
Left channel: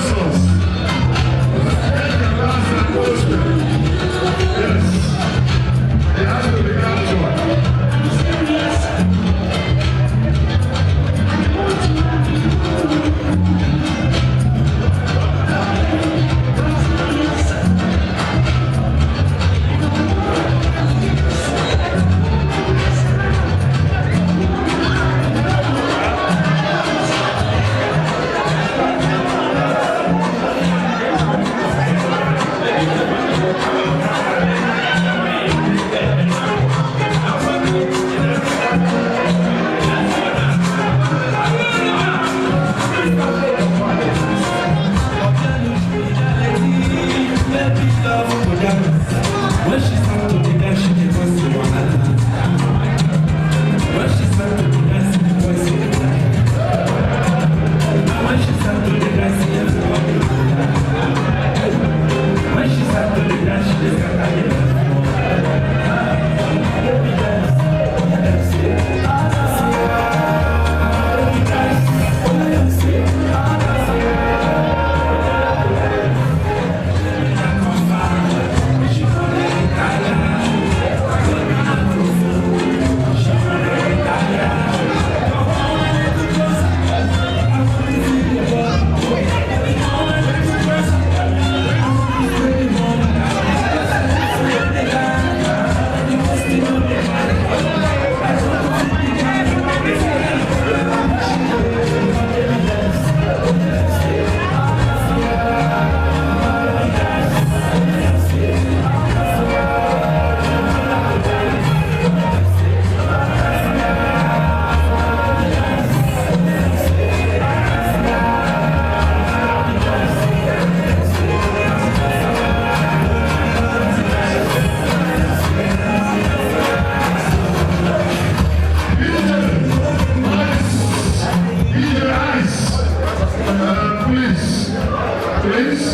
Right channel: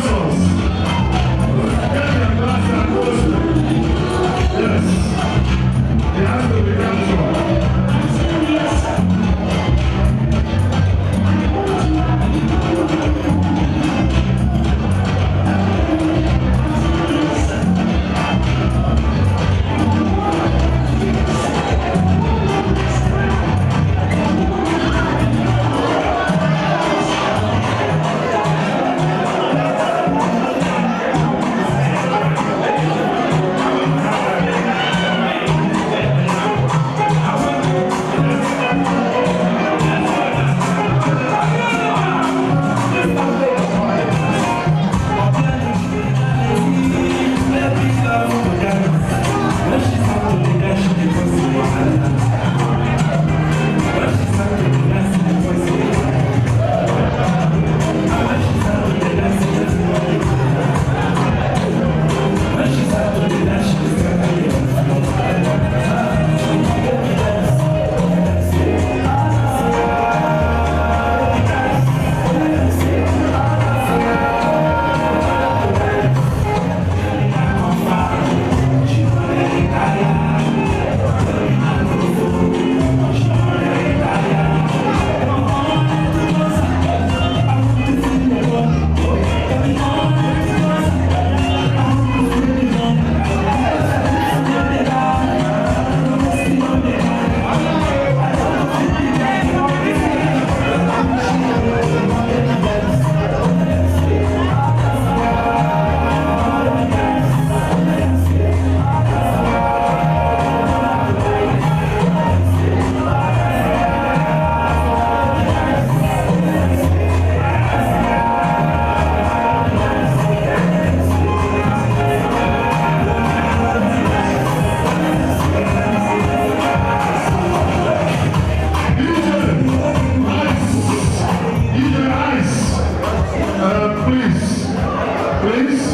sponsors. Get their glass and post them. Yes. They have to be captured. Please,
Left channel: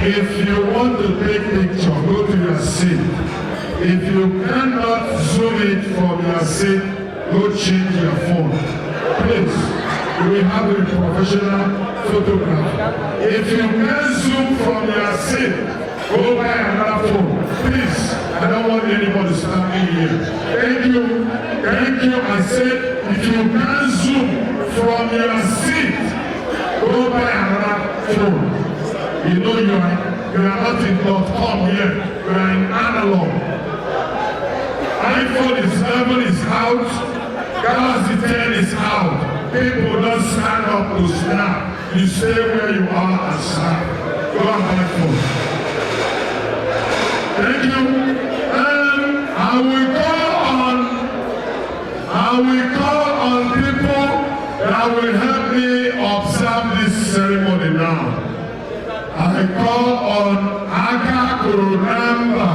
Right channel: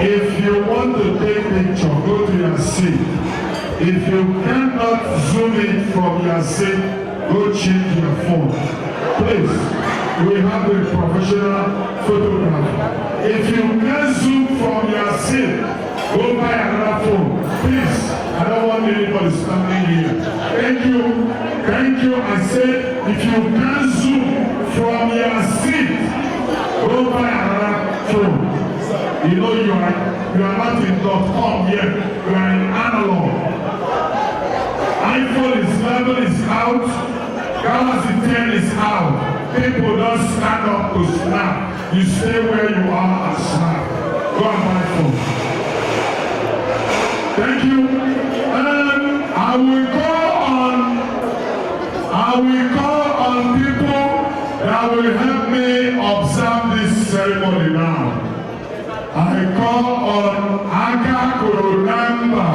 if you want to take picture, go to your seat. If you cannot zoom it from your seat, go change your phone. Please, we have a professional photographer. If you can zoom from your seat, go buy another phone. Please, I don't want anybody standing here. Thank you. Thank you. I said, if you can zoom from your seat, go buy another phone. You know you are not in .com here. You are in analog. iPhone is 11 is out. Galaxy 10 is out. People don't stand up to snap. You stay where you are and snap. Go and buy phone. Thank you. And I will call on people that will help me observe this ceremony now. I call on Aga Kurunamba.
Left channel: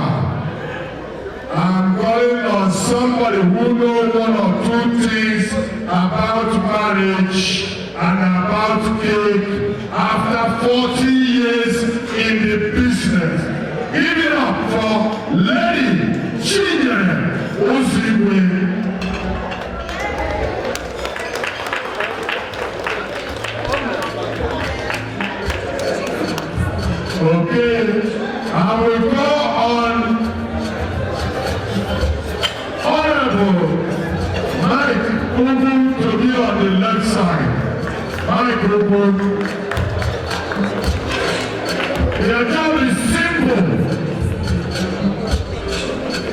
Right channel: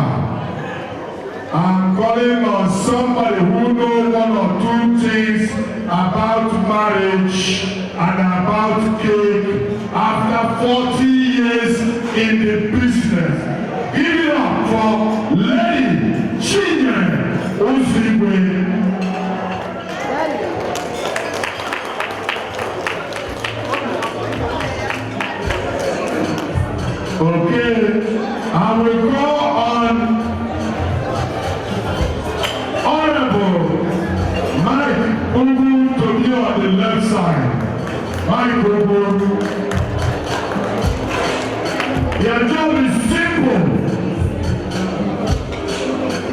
I'm calling on somebody who knows one or two things about marriage and about cake after 40 years in the business. Give it up for Lady Chinyere Ozigwe. Okay, I will call on Honorable Mike Ubu to be on the left side. Mike Ubu. Their job is simple.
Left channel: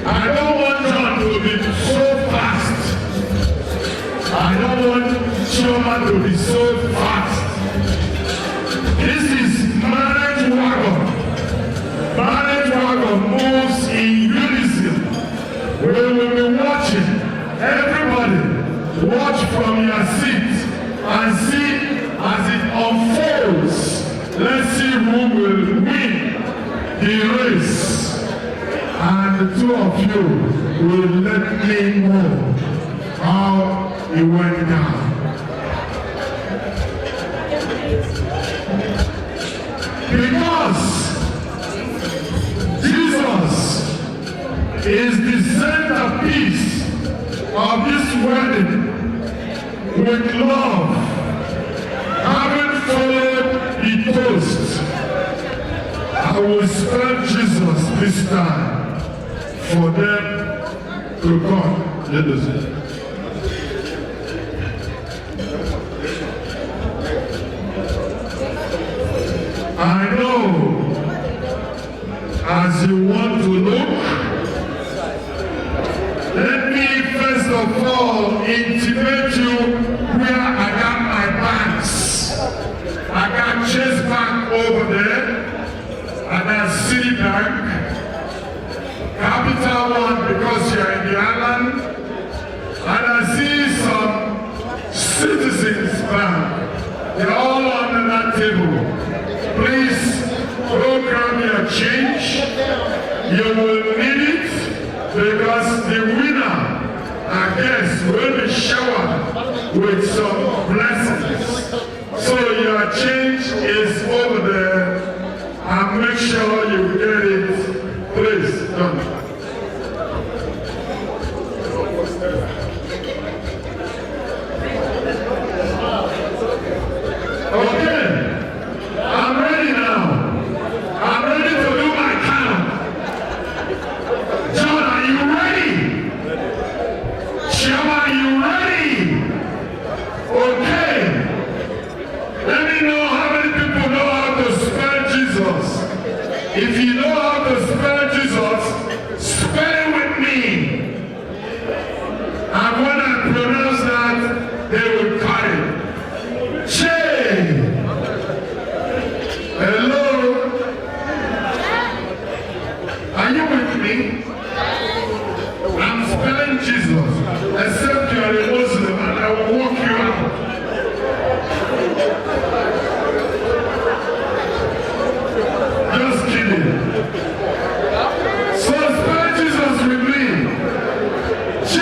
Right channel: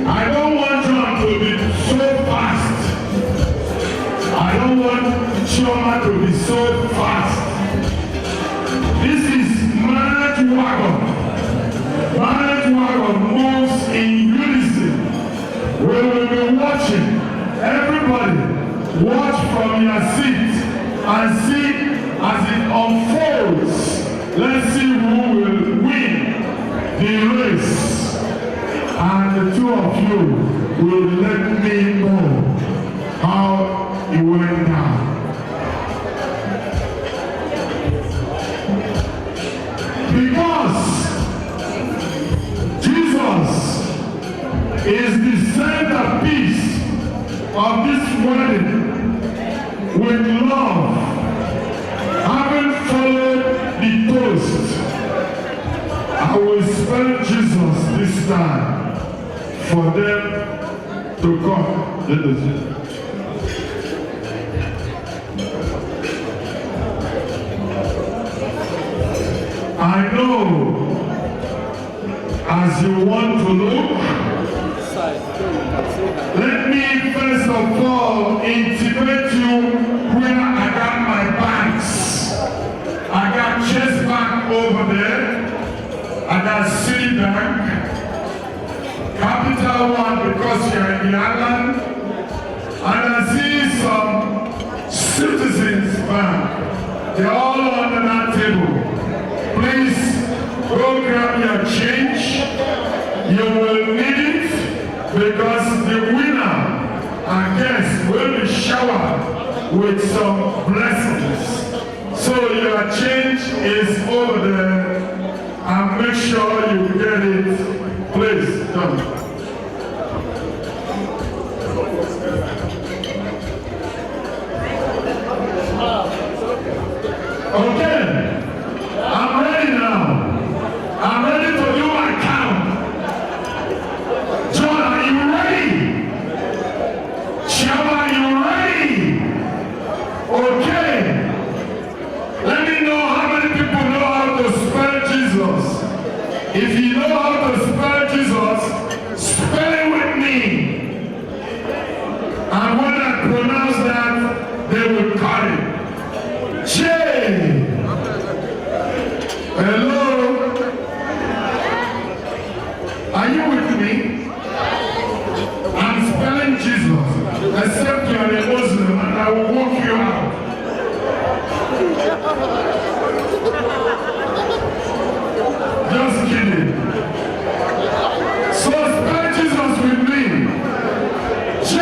I don't want John to be so fast. I don't want Chioma to be so fast. This is marriage wagon. Marriage wagon moves in unison. We will be watching. Everybody watch from your seat and see as it unfolds. Let's see who will win the race. And the two of you will let me know how it went down. Because Jesus is the centerpiece of this wedding with love, having followed this time for them to come. Ladies. I know as you want to look, let me first of all intimate you where I got my bags. I got Chase Bank over there. I got Citibank, Capital One because you're in the island, and I see some Citizens Bank. They're all under that table. Please go grab your change. You will need it because the winner, I guess, will be showered with some blessings. So your change is over there. And make sure you get it. Please, come. Okay, I'm ready now. I'm ready to do my count. John, are you ready? Shema, are you ready? Okay. Let me know how many people know how to spell Jesus. If you know how to spell Jesus, spell it with me. And when I pronounce that, they will cut it. J. Hello? Are you with me? I'm spelling Jesus, except you are a Muslim, and I will walk you out. Just kidding. So spell Jesus with me. J.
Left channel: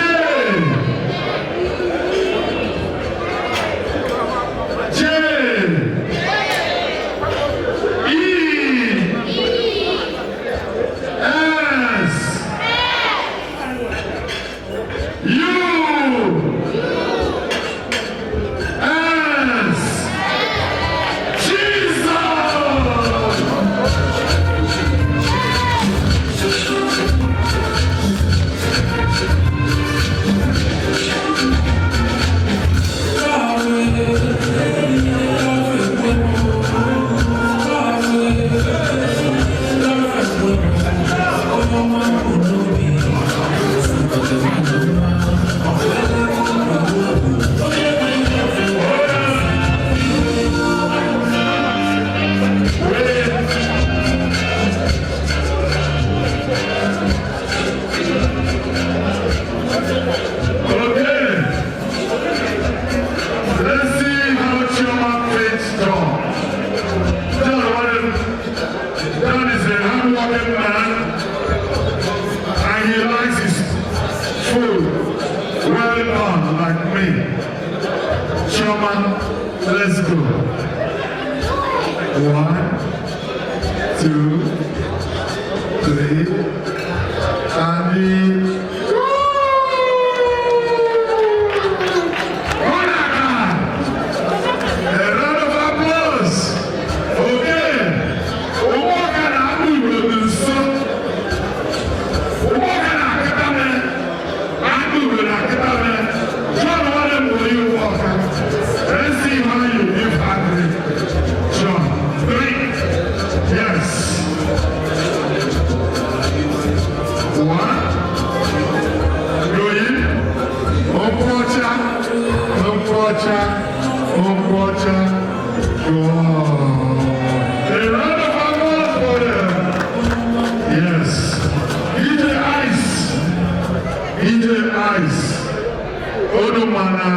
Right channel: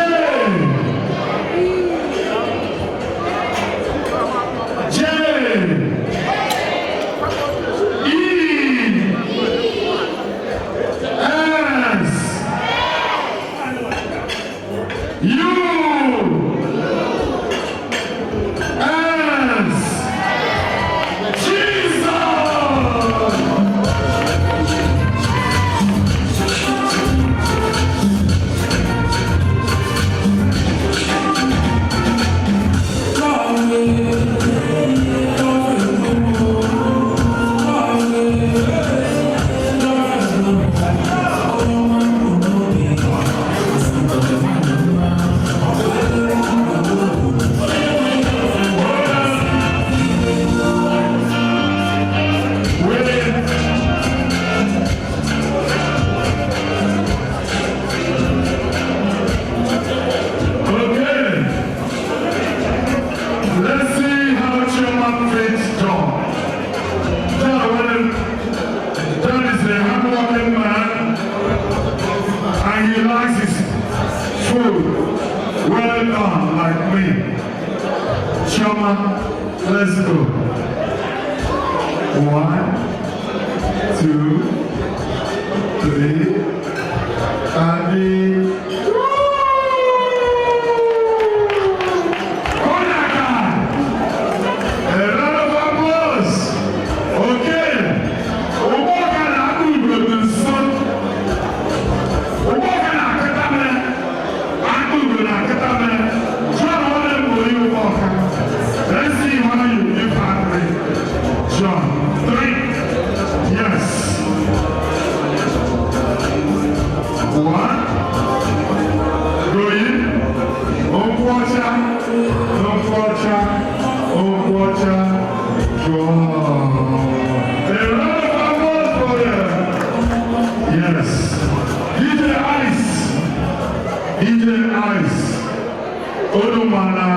Well done, like me. Choma, let's go. 1, 2, 3, and the let's see how you give happy. John, 3. Yes. 1. Go in. Go. A round of applause for them. Yes. DJ Ice. Odomana,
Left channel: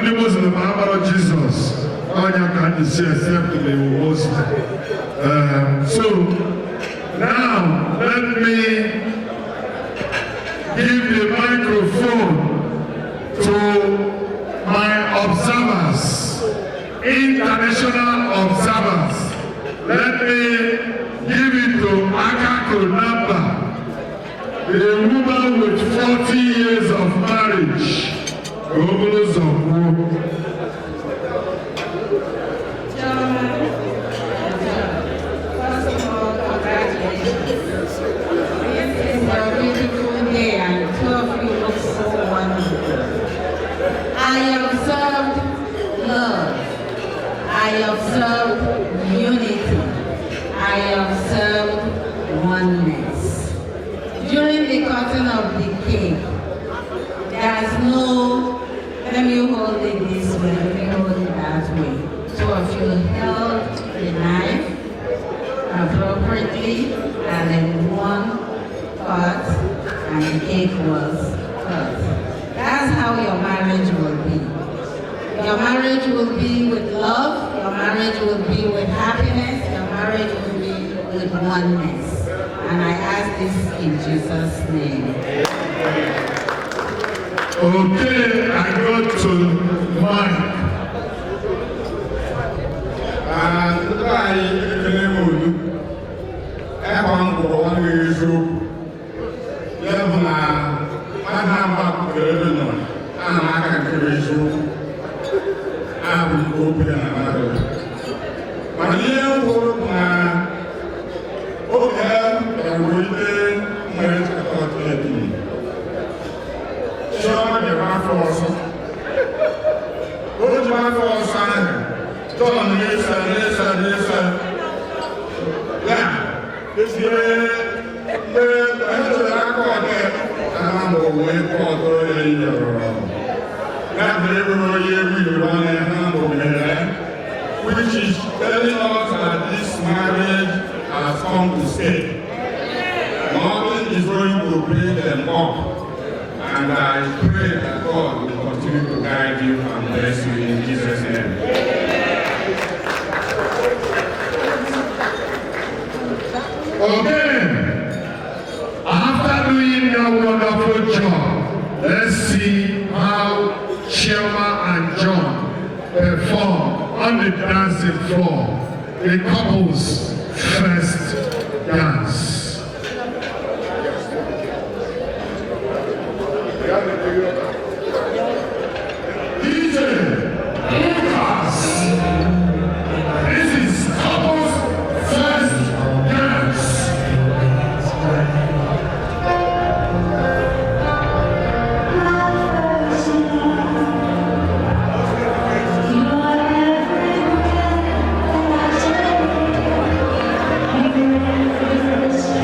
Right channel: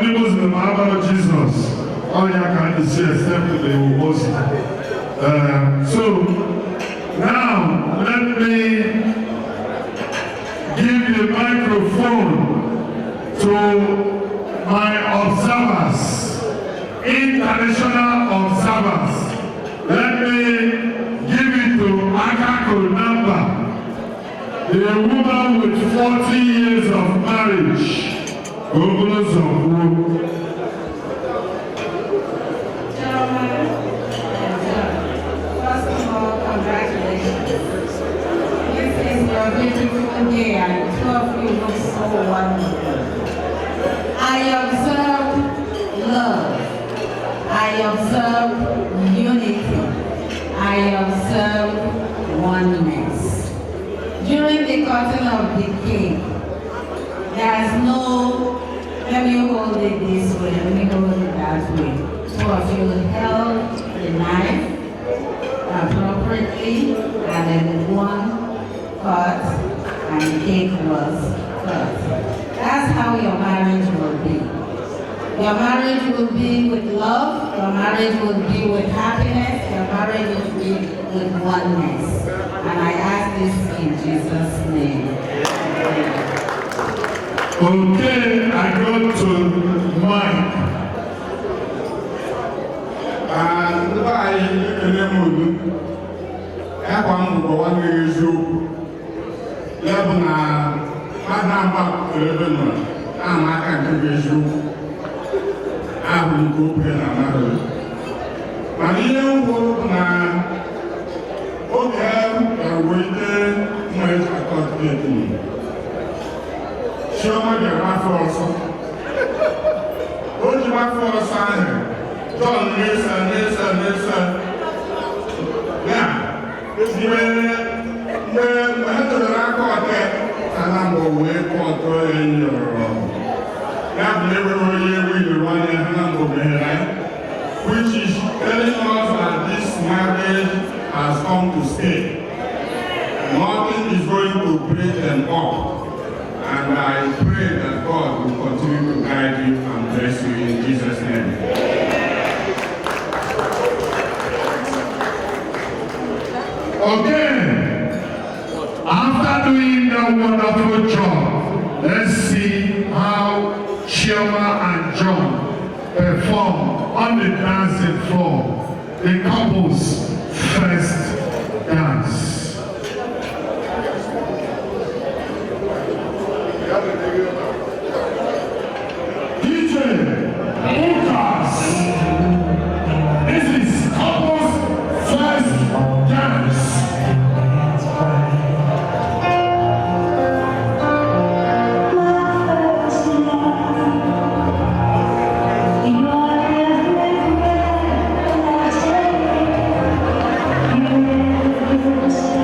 the Muslim of Jesus. All you can say simply was. So now let me give the microphone to my observers, international observers. Let me give it to Akako Number. The woman with 40 years of marriage. First of all, I observe unity. I observe oneness. During the cutting of the cake, there is no, let me hold it this way, let me hold it that way. Two of you held the knife appropriately, and then one cut, and the cake was cut. That's how your marriage will be. Your marriage will be with love, your marriage will be with happiness, your marriage will be with oneness. And I ask this in Jesus' name. Okay, I go to Mike. Which is telling us that this marriage has come to stay. Nothing is going to break them up. And I pray that God will continue to guide you and bless you in Jesus' name. Okay. After doing that wonderful job, let's see how Shema and John perform on the dancing floor, the couple's first dance. DJ Lucas, this is couple's first dance. You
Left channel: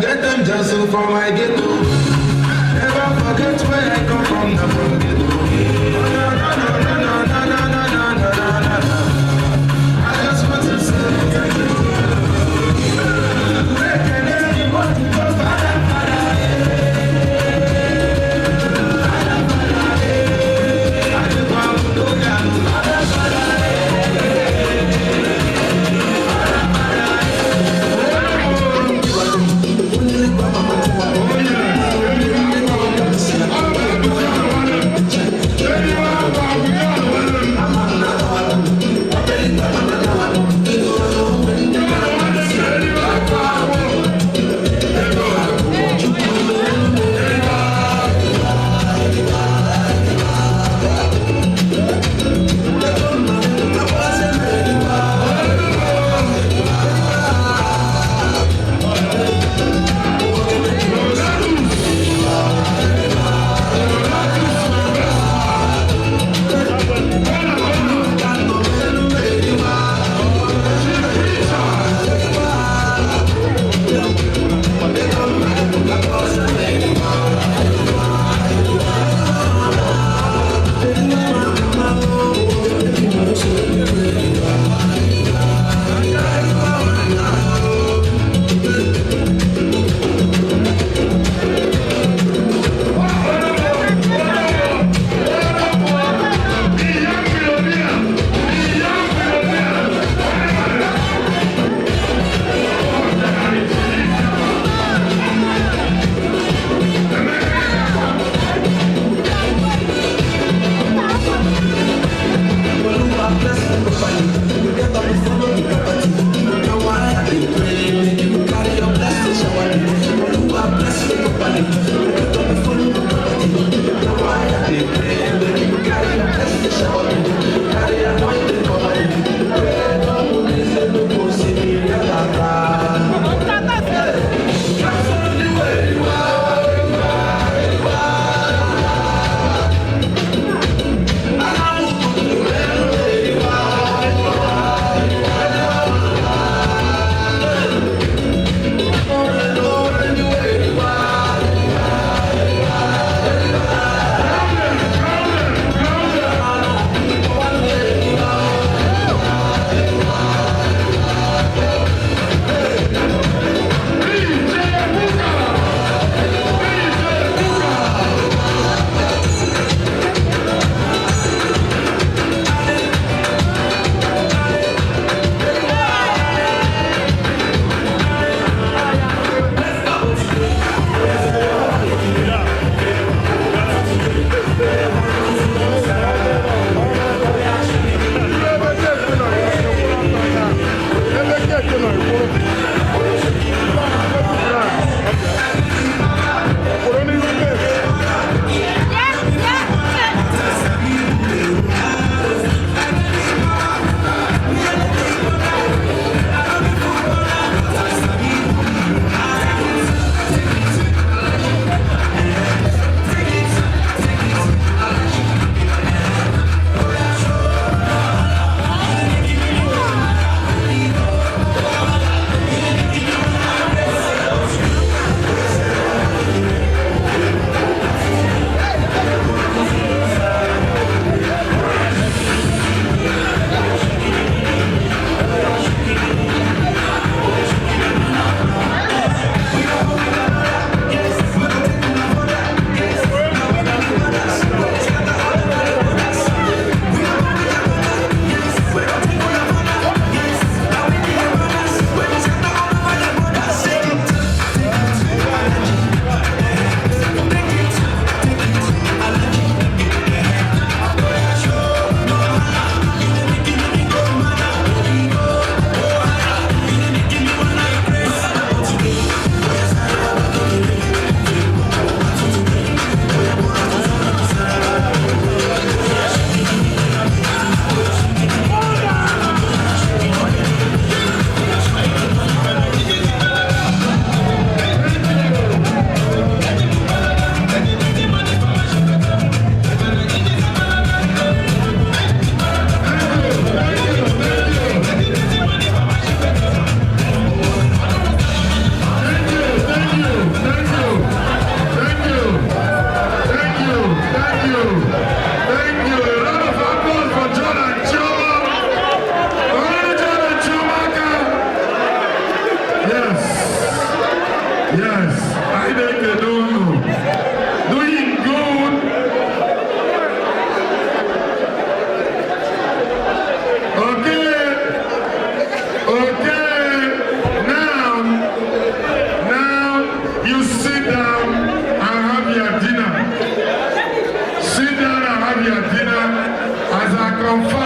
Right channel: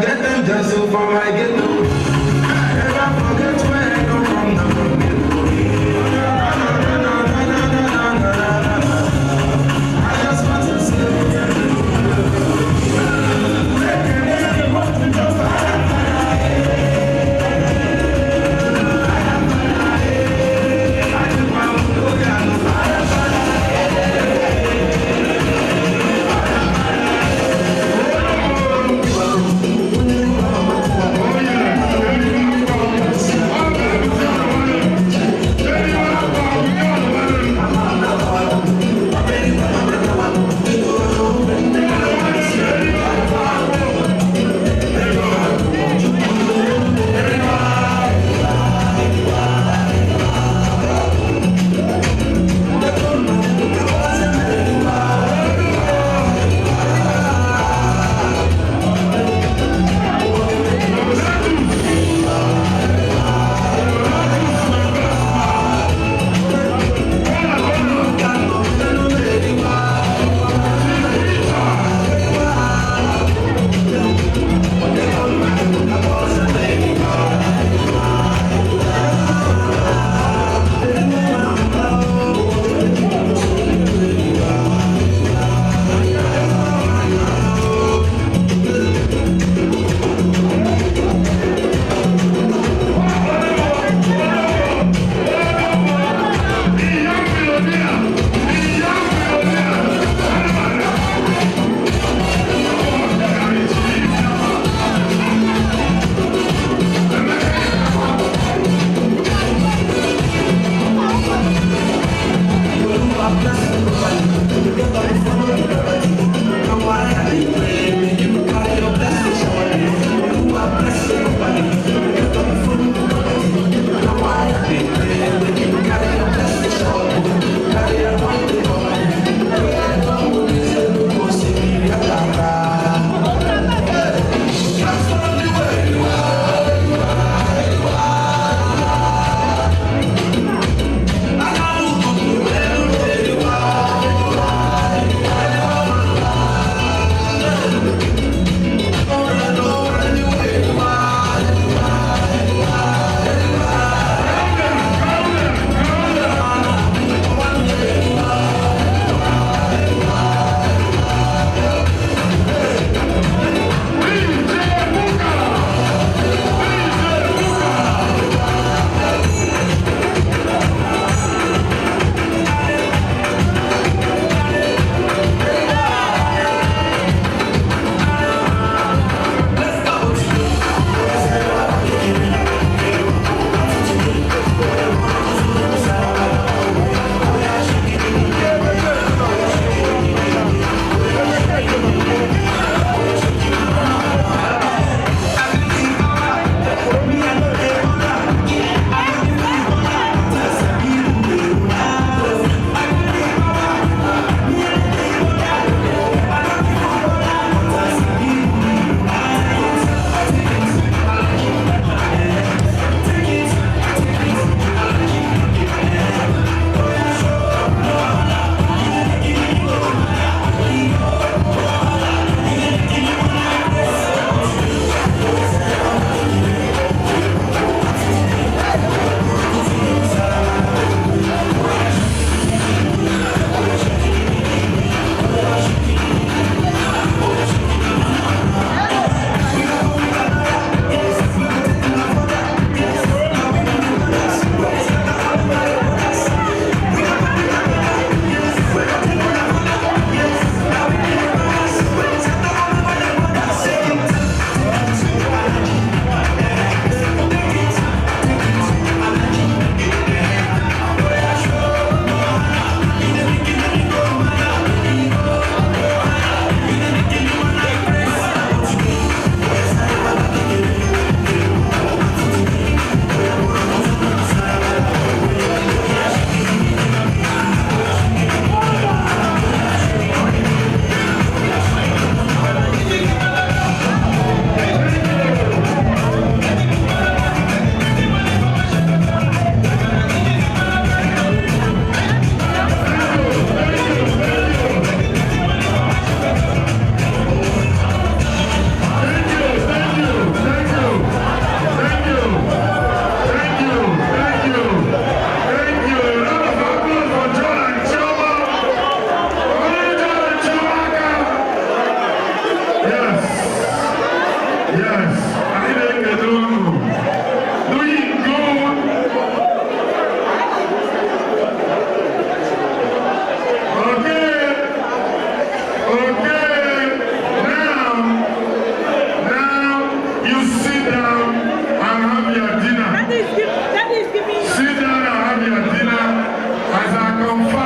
Get them just so for my ghetto. Never forget where I come from. I'm from ghetto. I just want to say.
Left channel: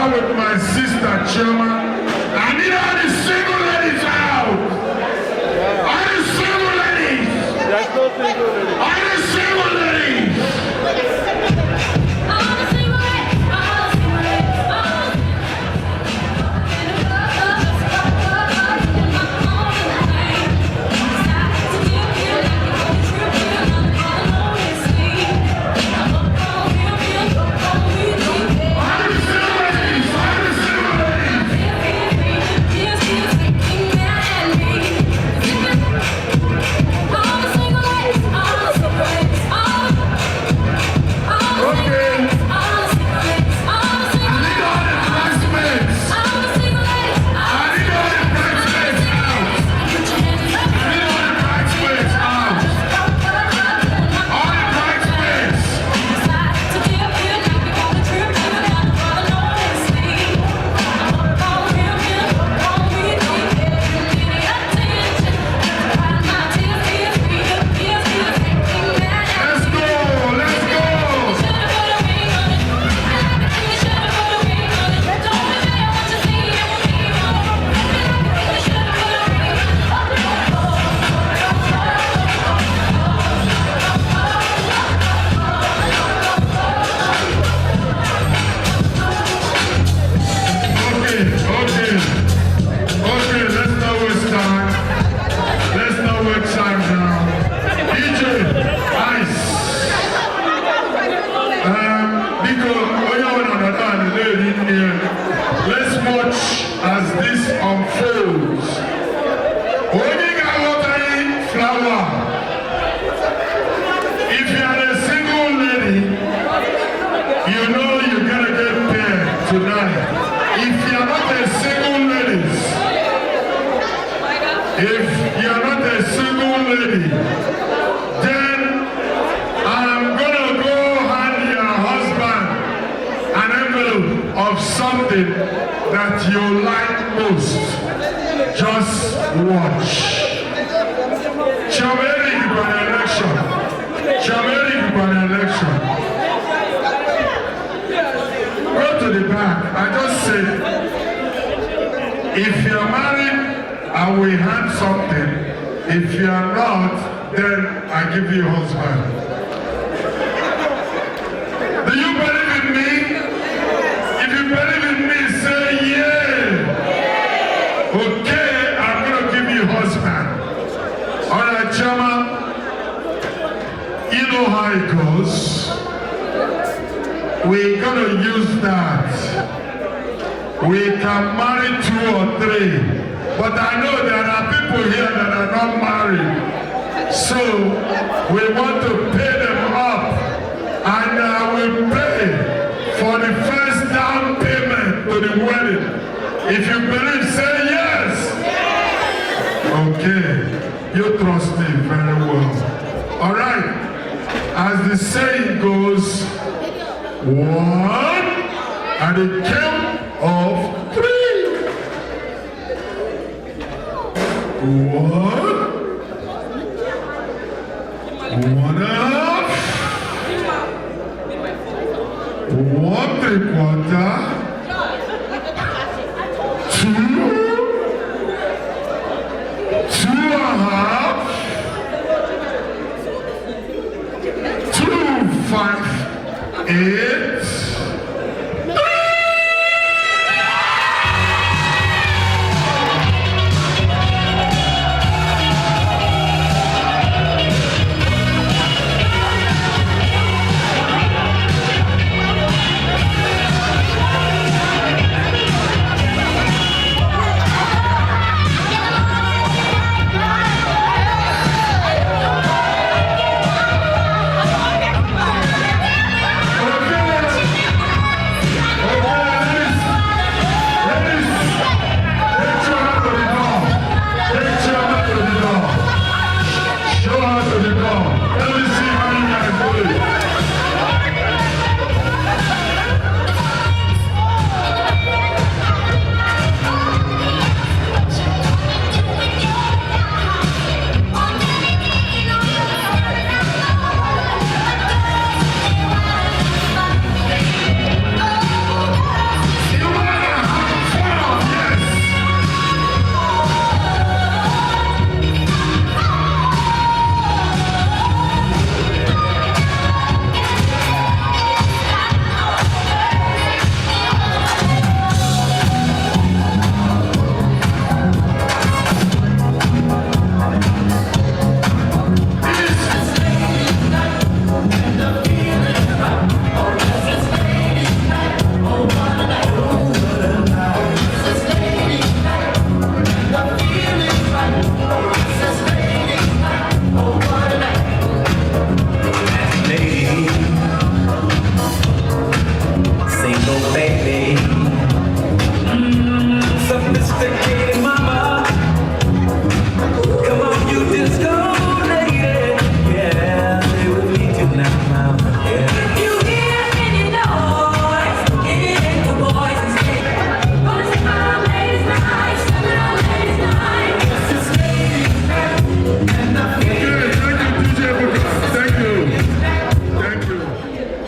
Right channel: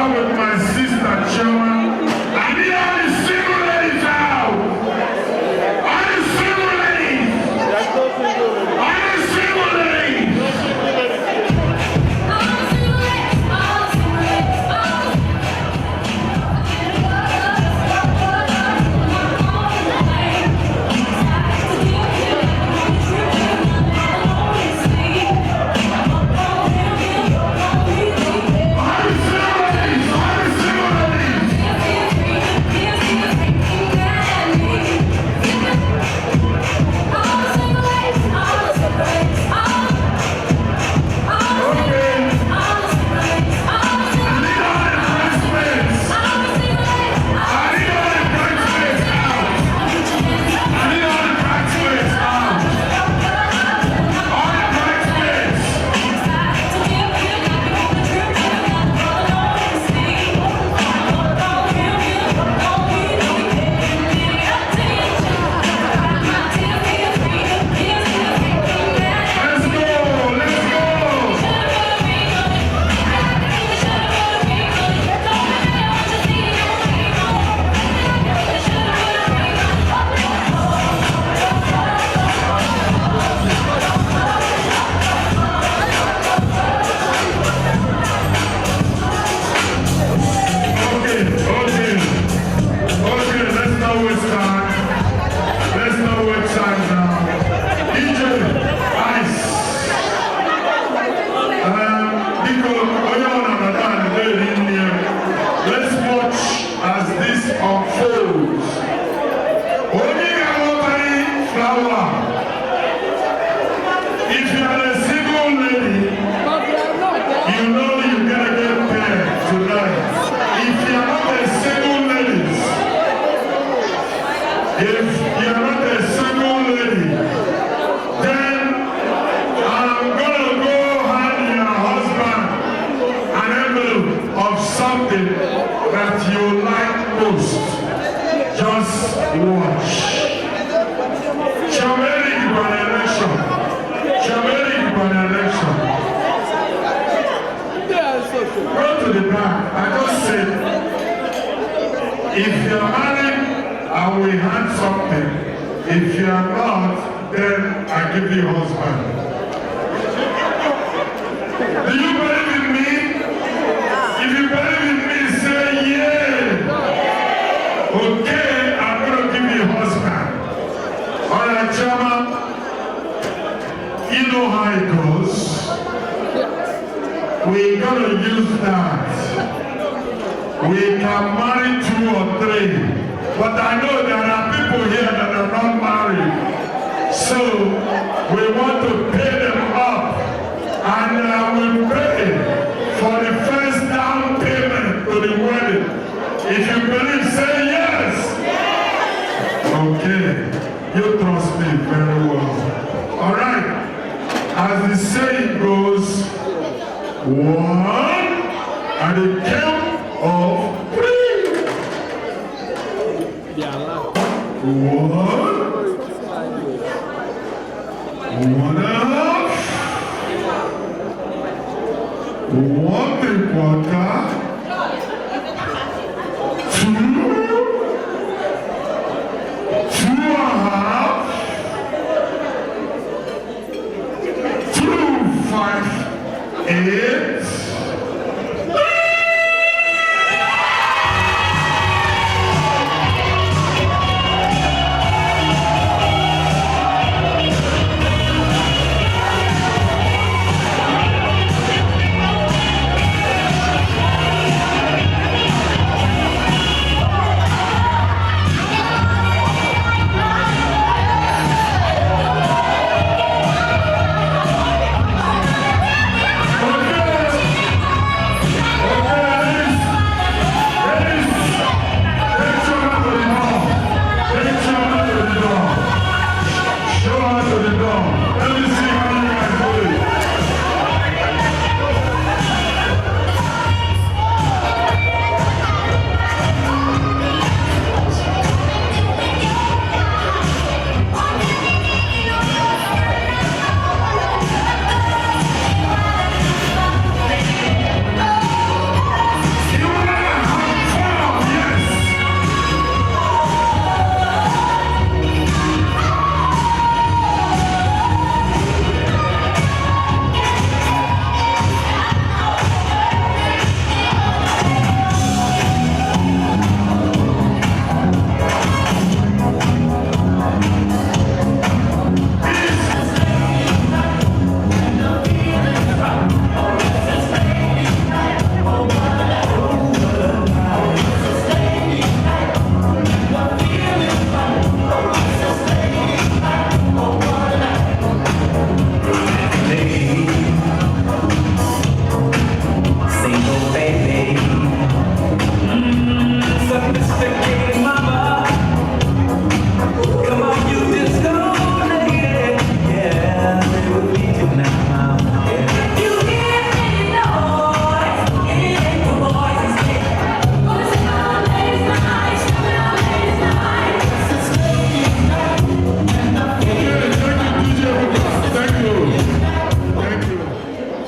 together with my sister Choma. I need all the single ladies out. All the single ladies. All the single ladies. If you're married and we had something, if you're not, then I give you a husband. Do you believe in me? If you believe in me, say yeah. Okay, I'm gonna give you a husband. All right, Chama, you know how it goes. We're gonna use that. We can marry 2 or 3, but I know there are people here that are not married. So we want to pay them up, and I will pay for the first down payment to the wedding. If you believe, say yes. Okay, you trust me very well. All right, as the saying goes, 1 at the count of 3. 1, 1.5, 1.75, 2, 2.5, 2, 5, 8.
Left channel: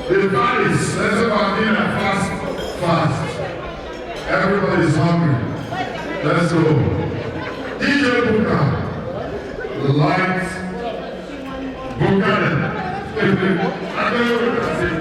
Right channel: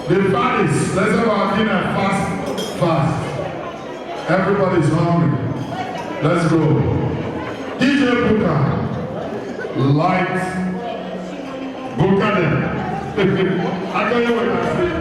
The parties, let's have our dinner fast. Everybody's hungry. Let's go. DJ Buka, light, Buka. I don't know what I say.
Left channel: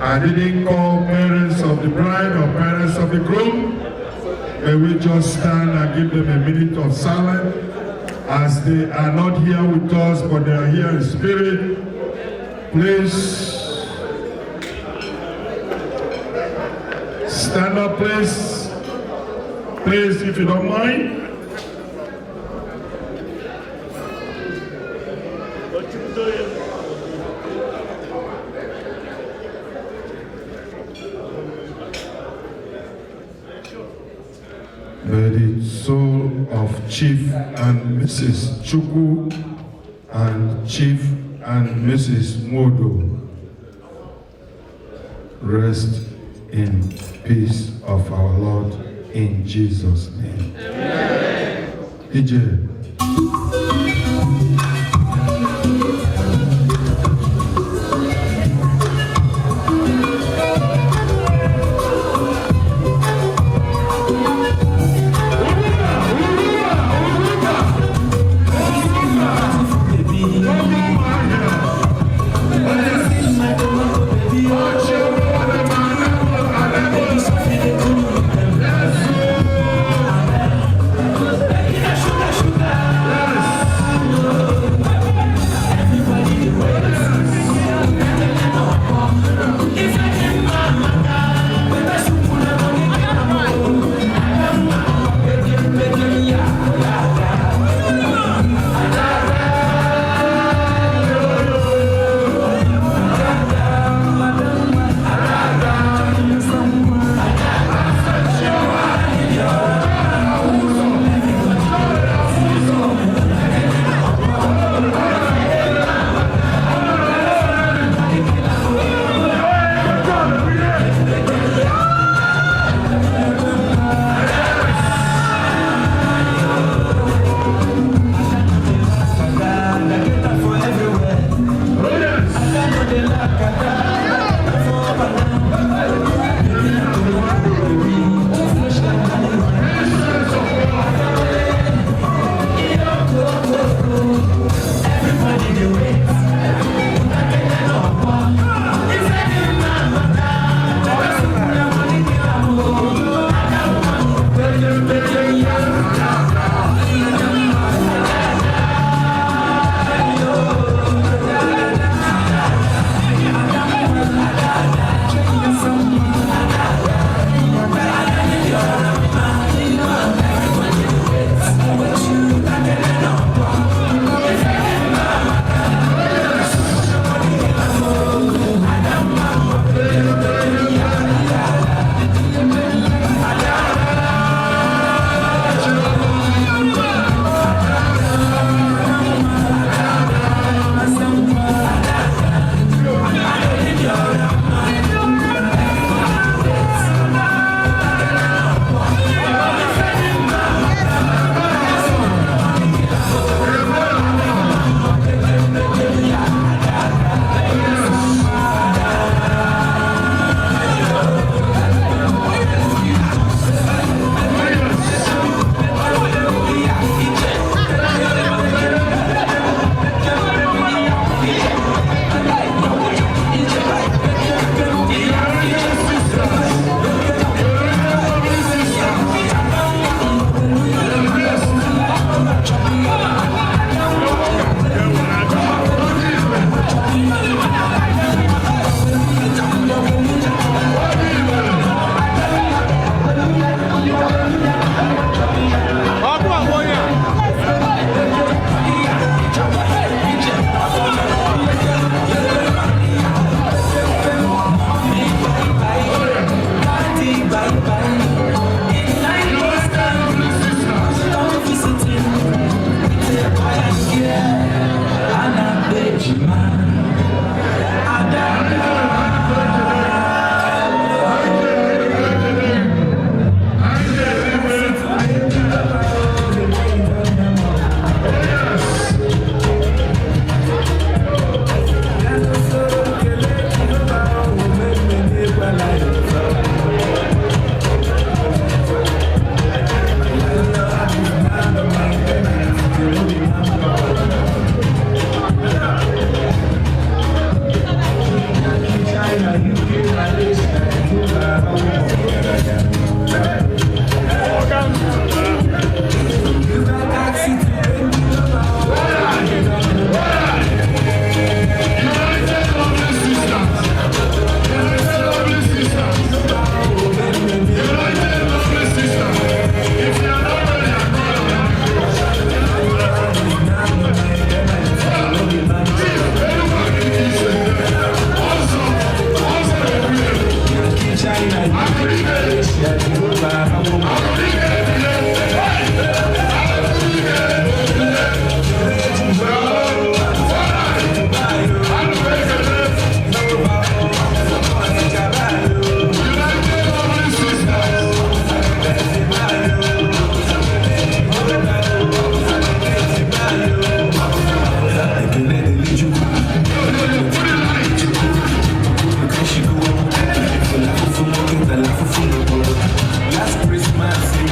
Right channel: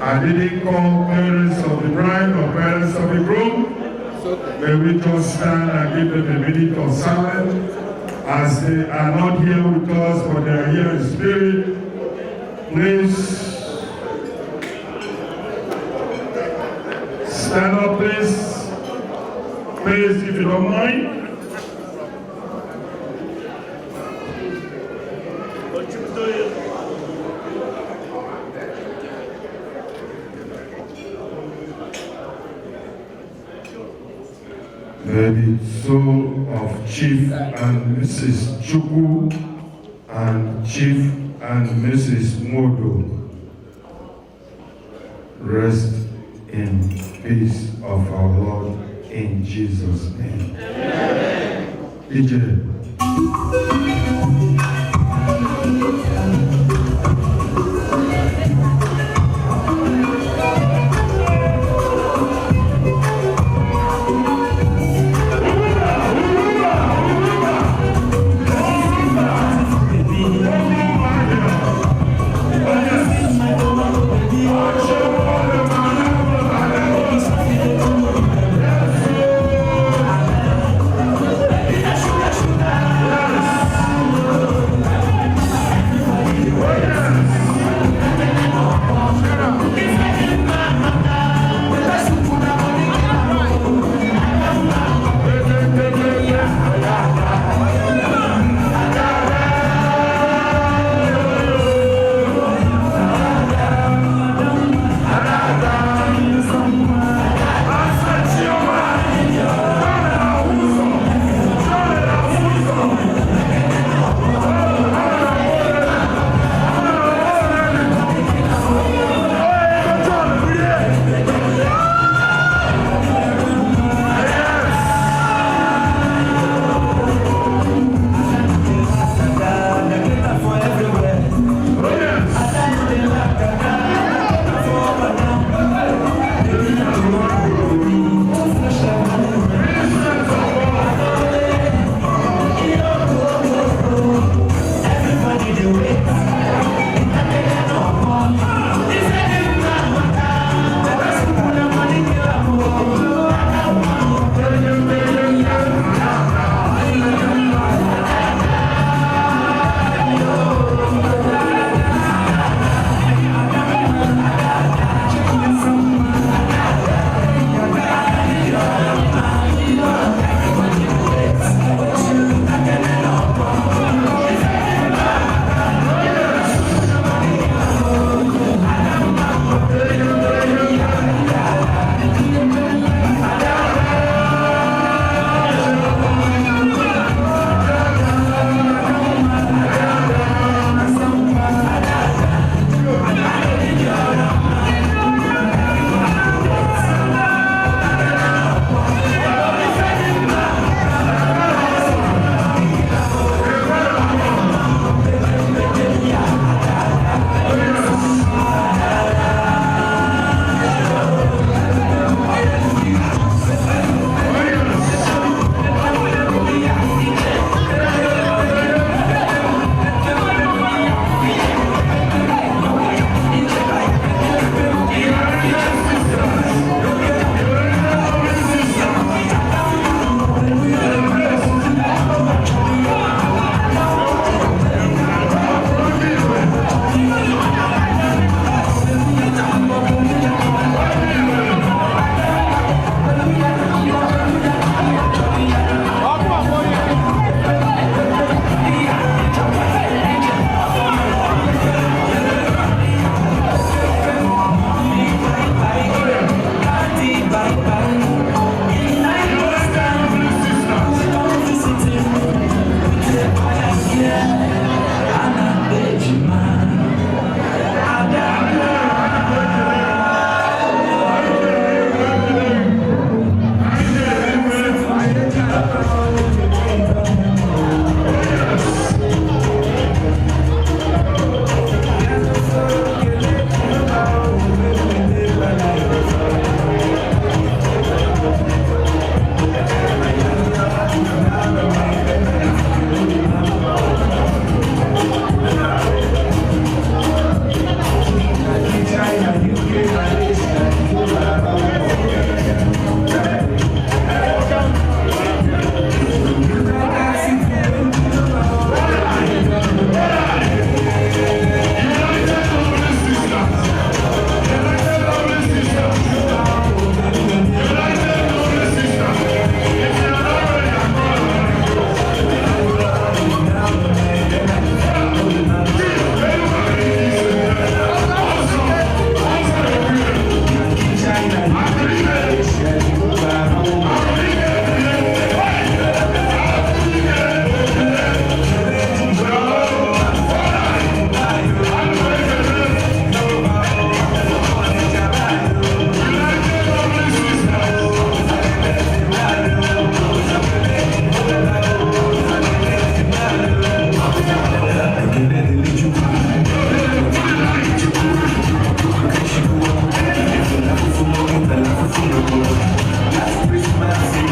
I didn't call parents of the bride or parents of the groom. May we just stand and give them a minute of silence as they are not here with us, but they are here in spirit. Please stand up, please. Please, if you don't mind. May the soul of Chief and Mrs. Chukwu and Chief and Mrs. Modo rest in peace of our Lord in Jesus' name. Amen. DJ. Last Christmas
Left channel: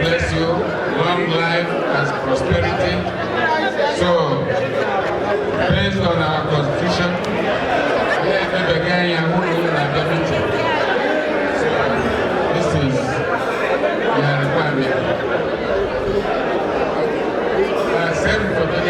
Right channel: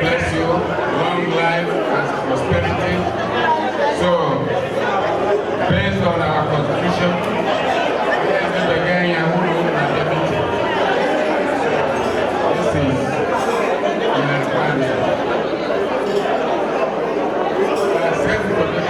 bless you, long life and prosperity. So, based on our constitution, this is the requirement. Same for the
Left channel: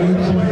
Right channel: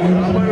Thank you.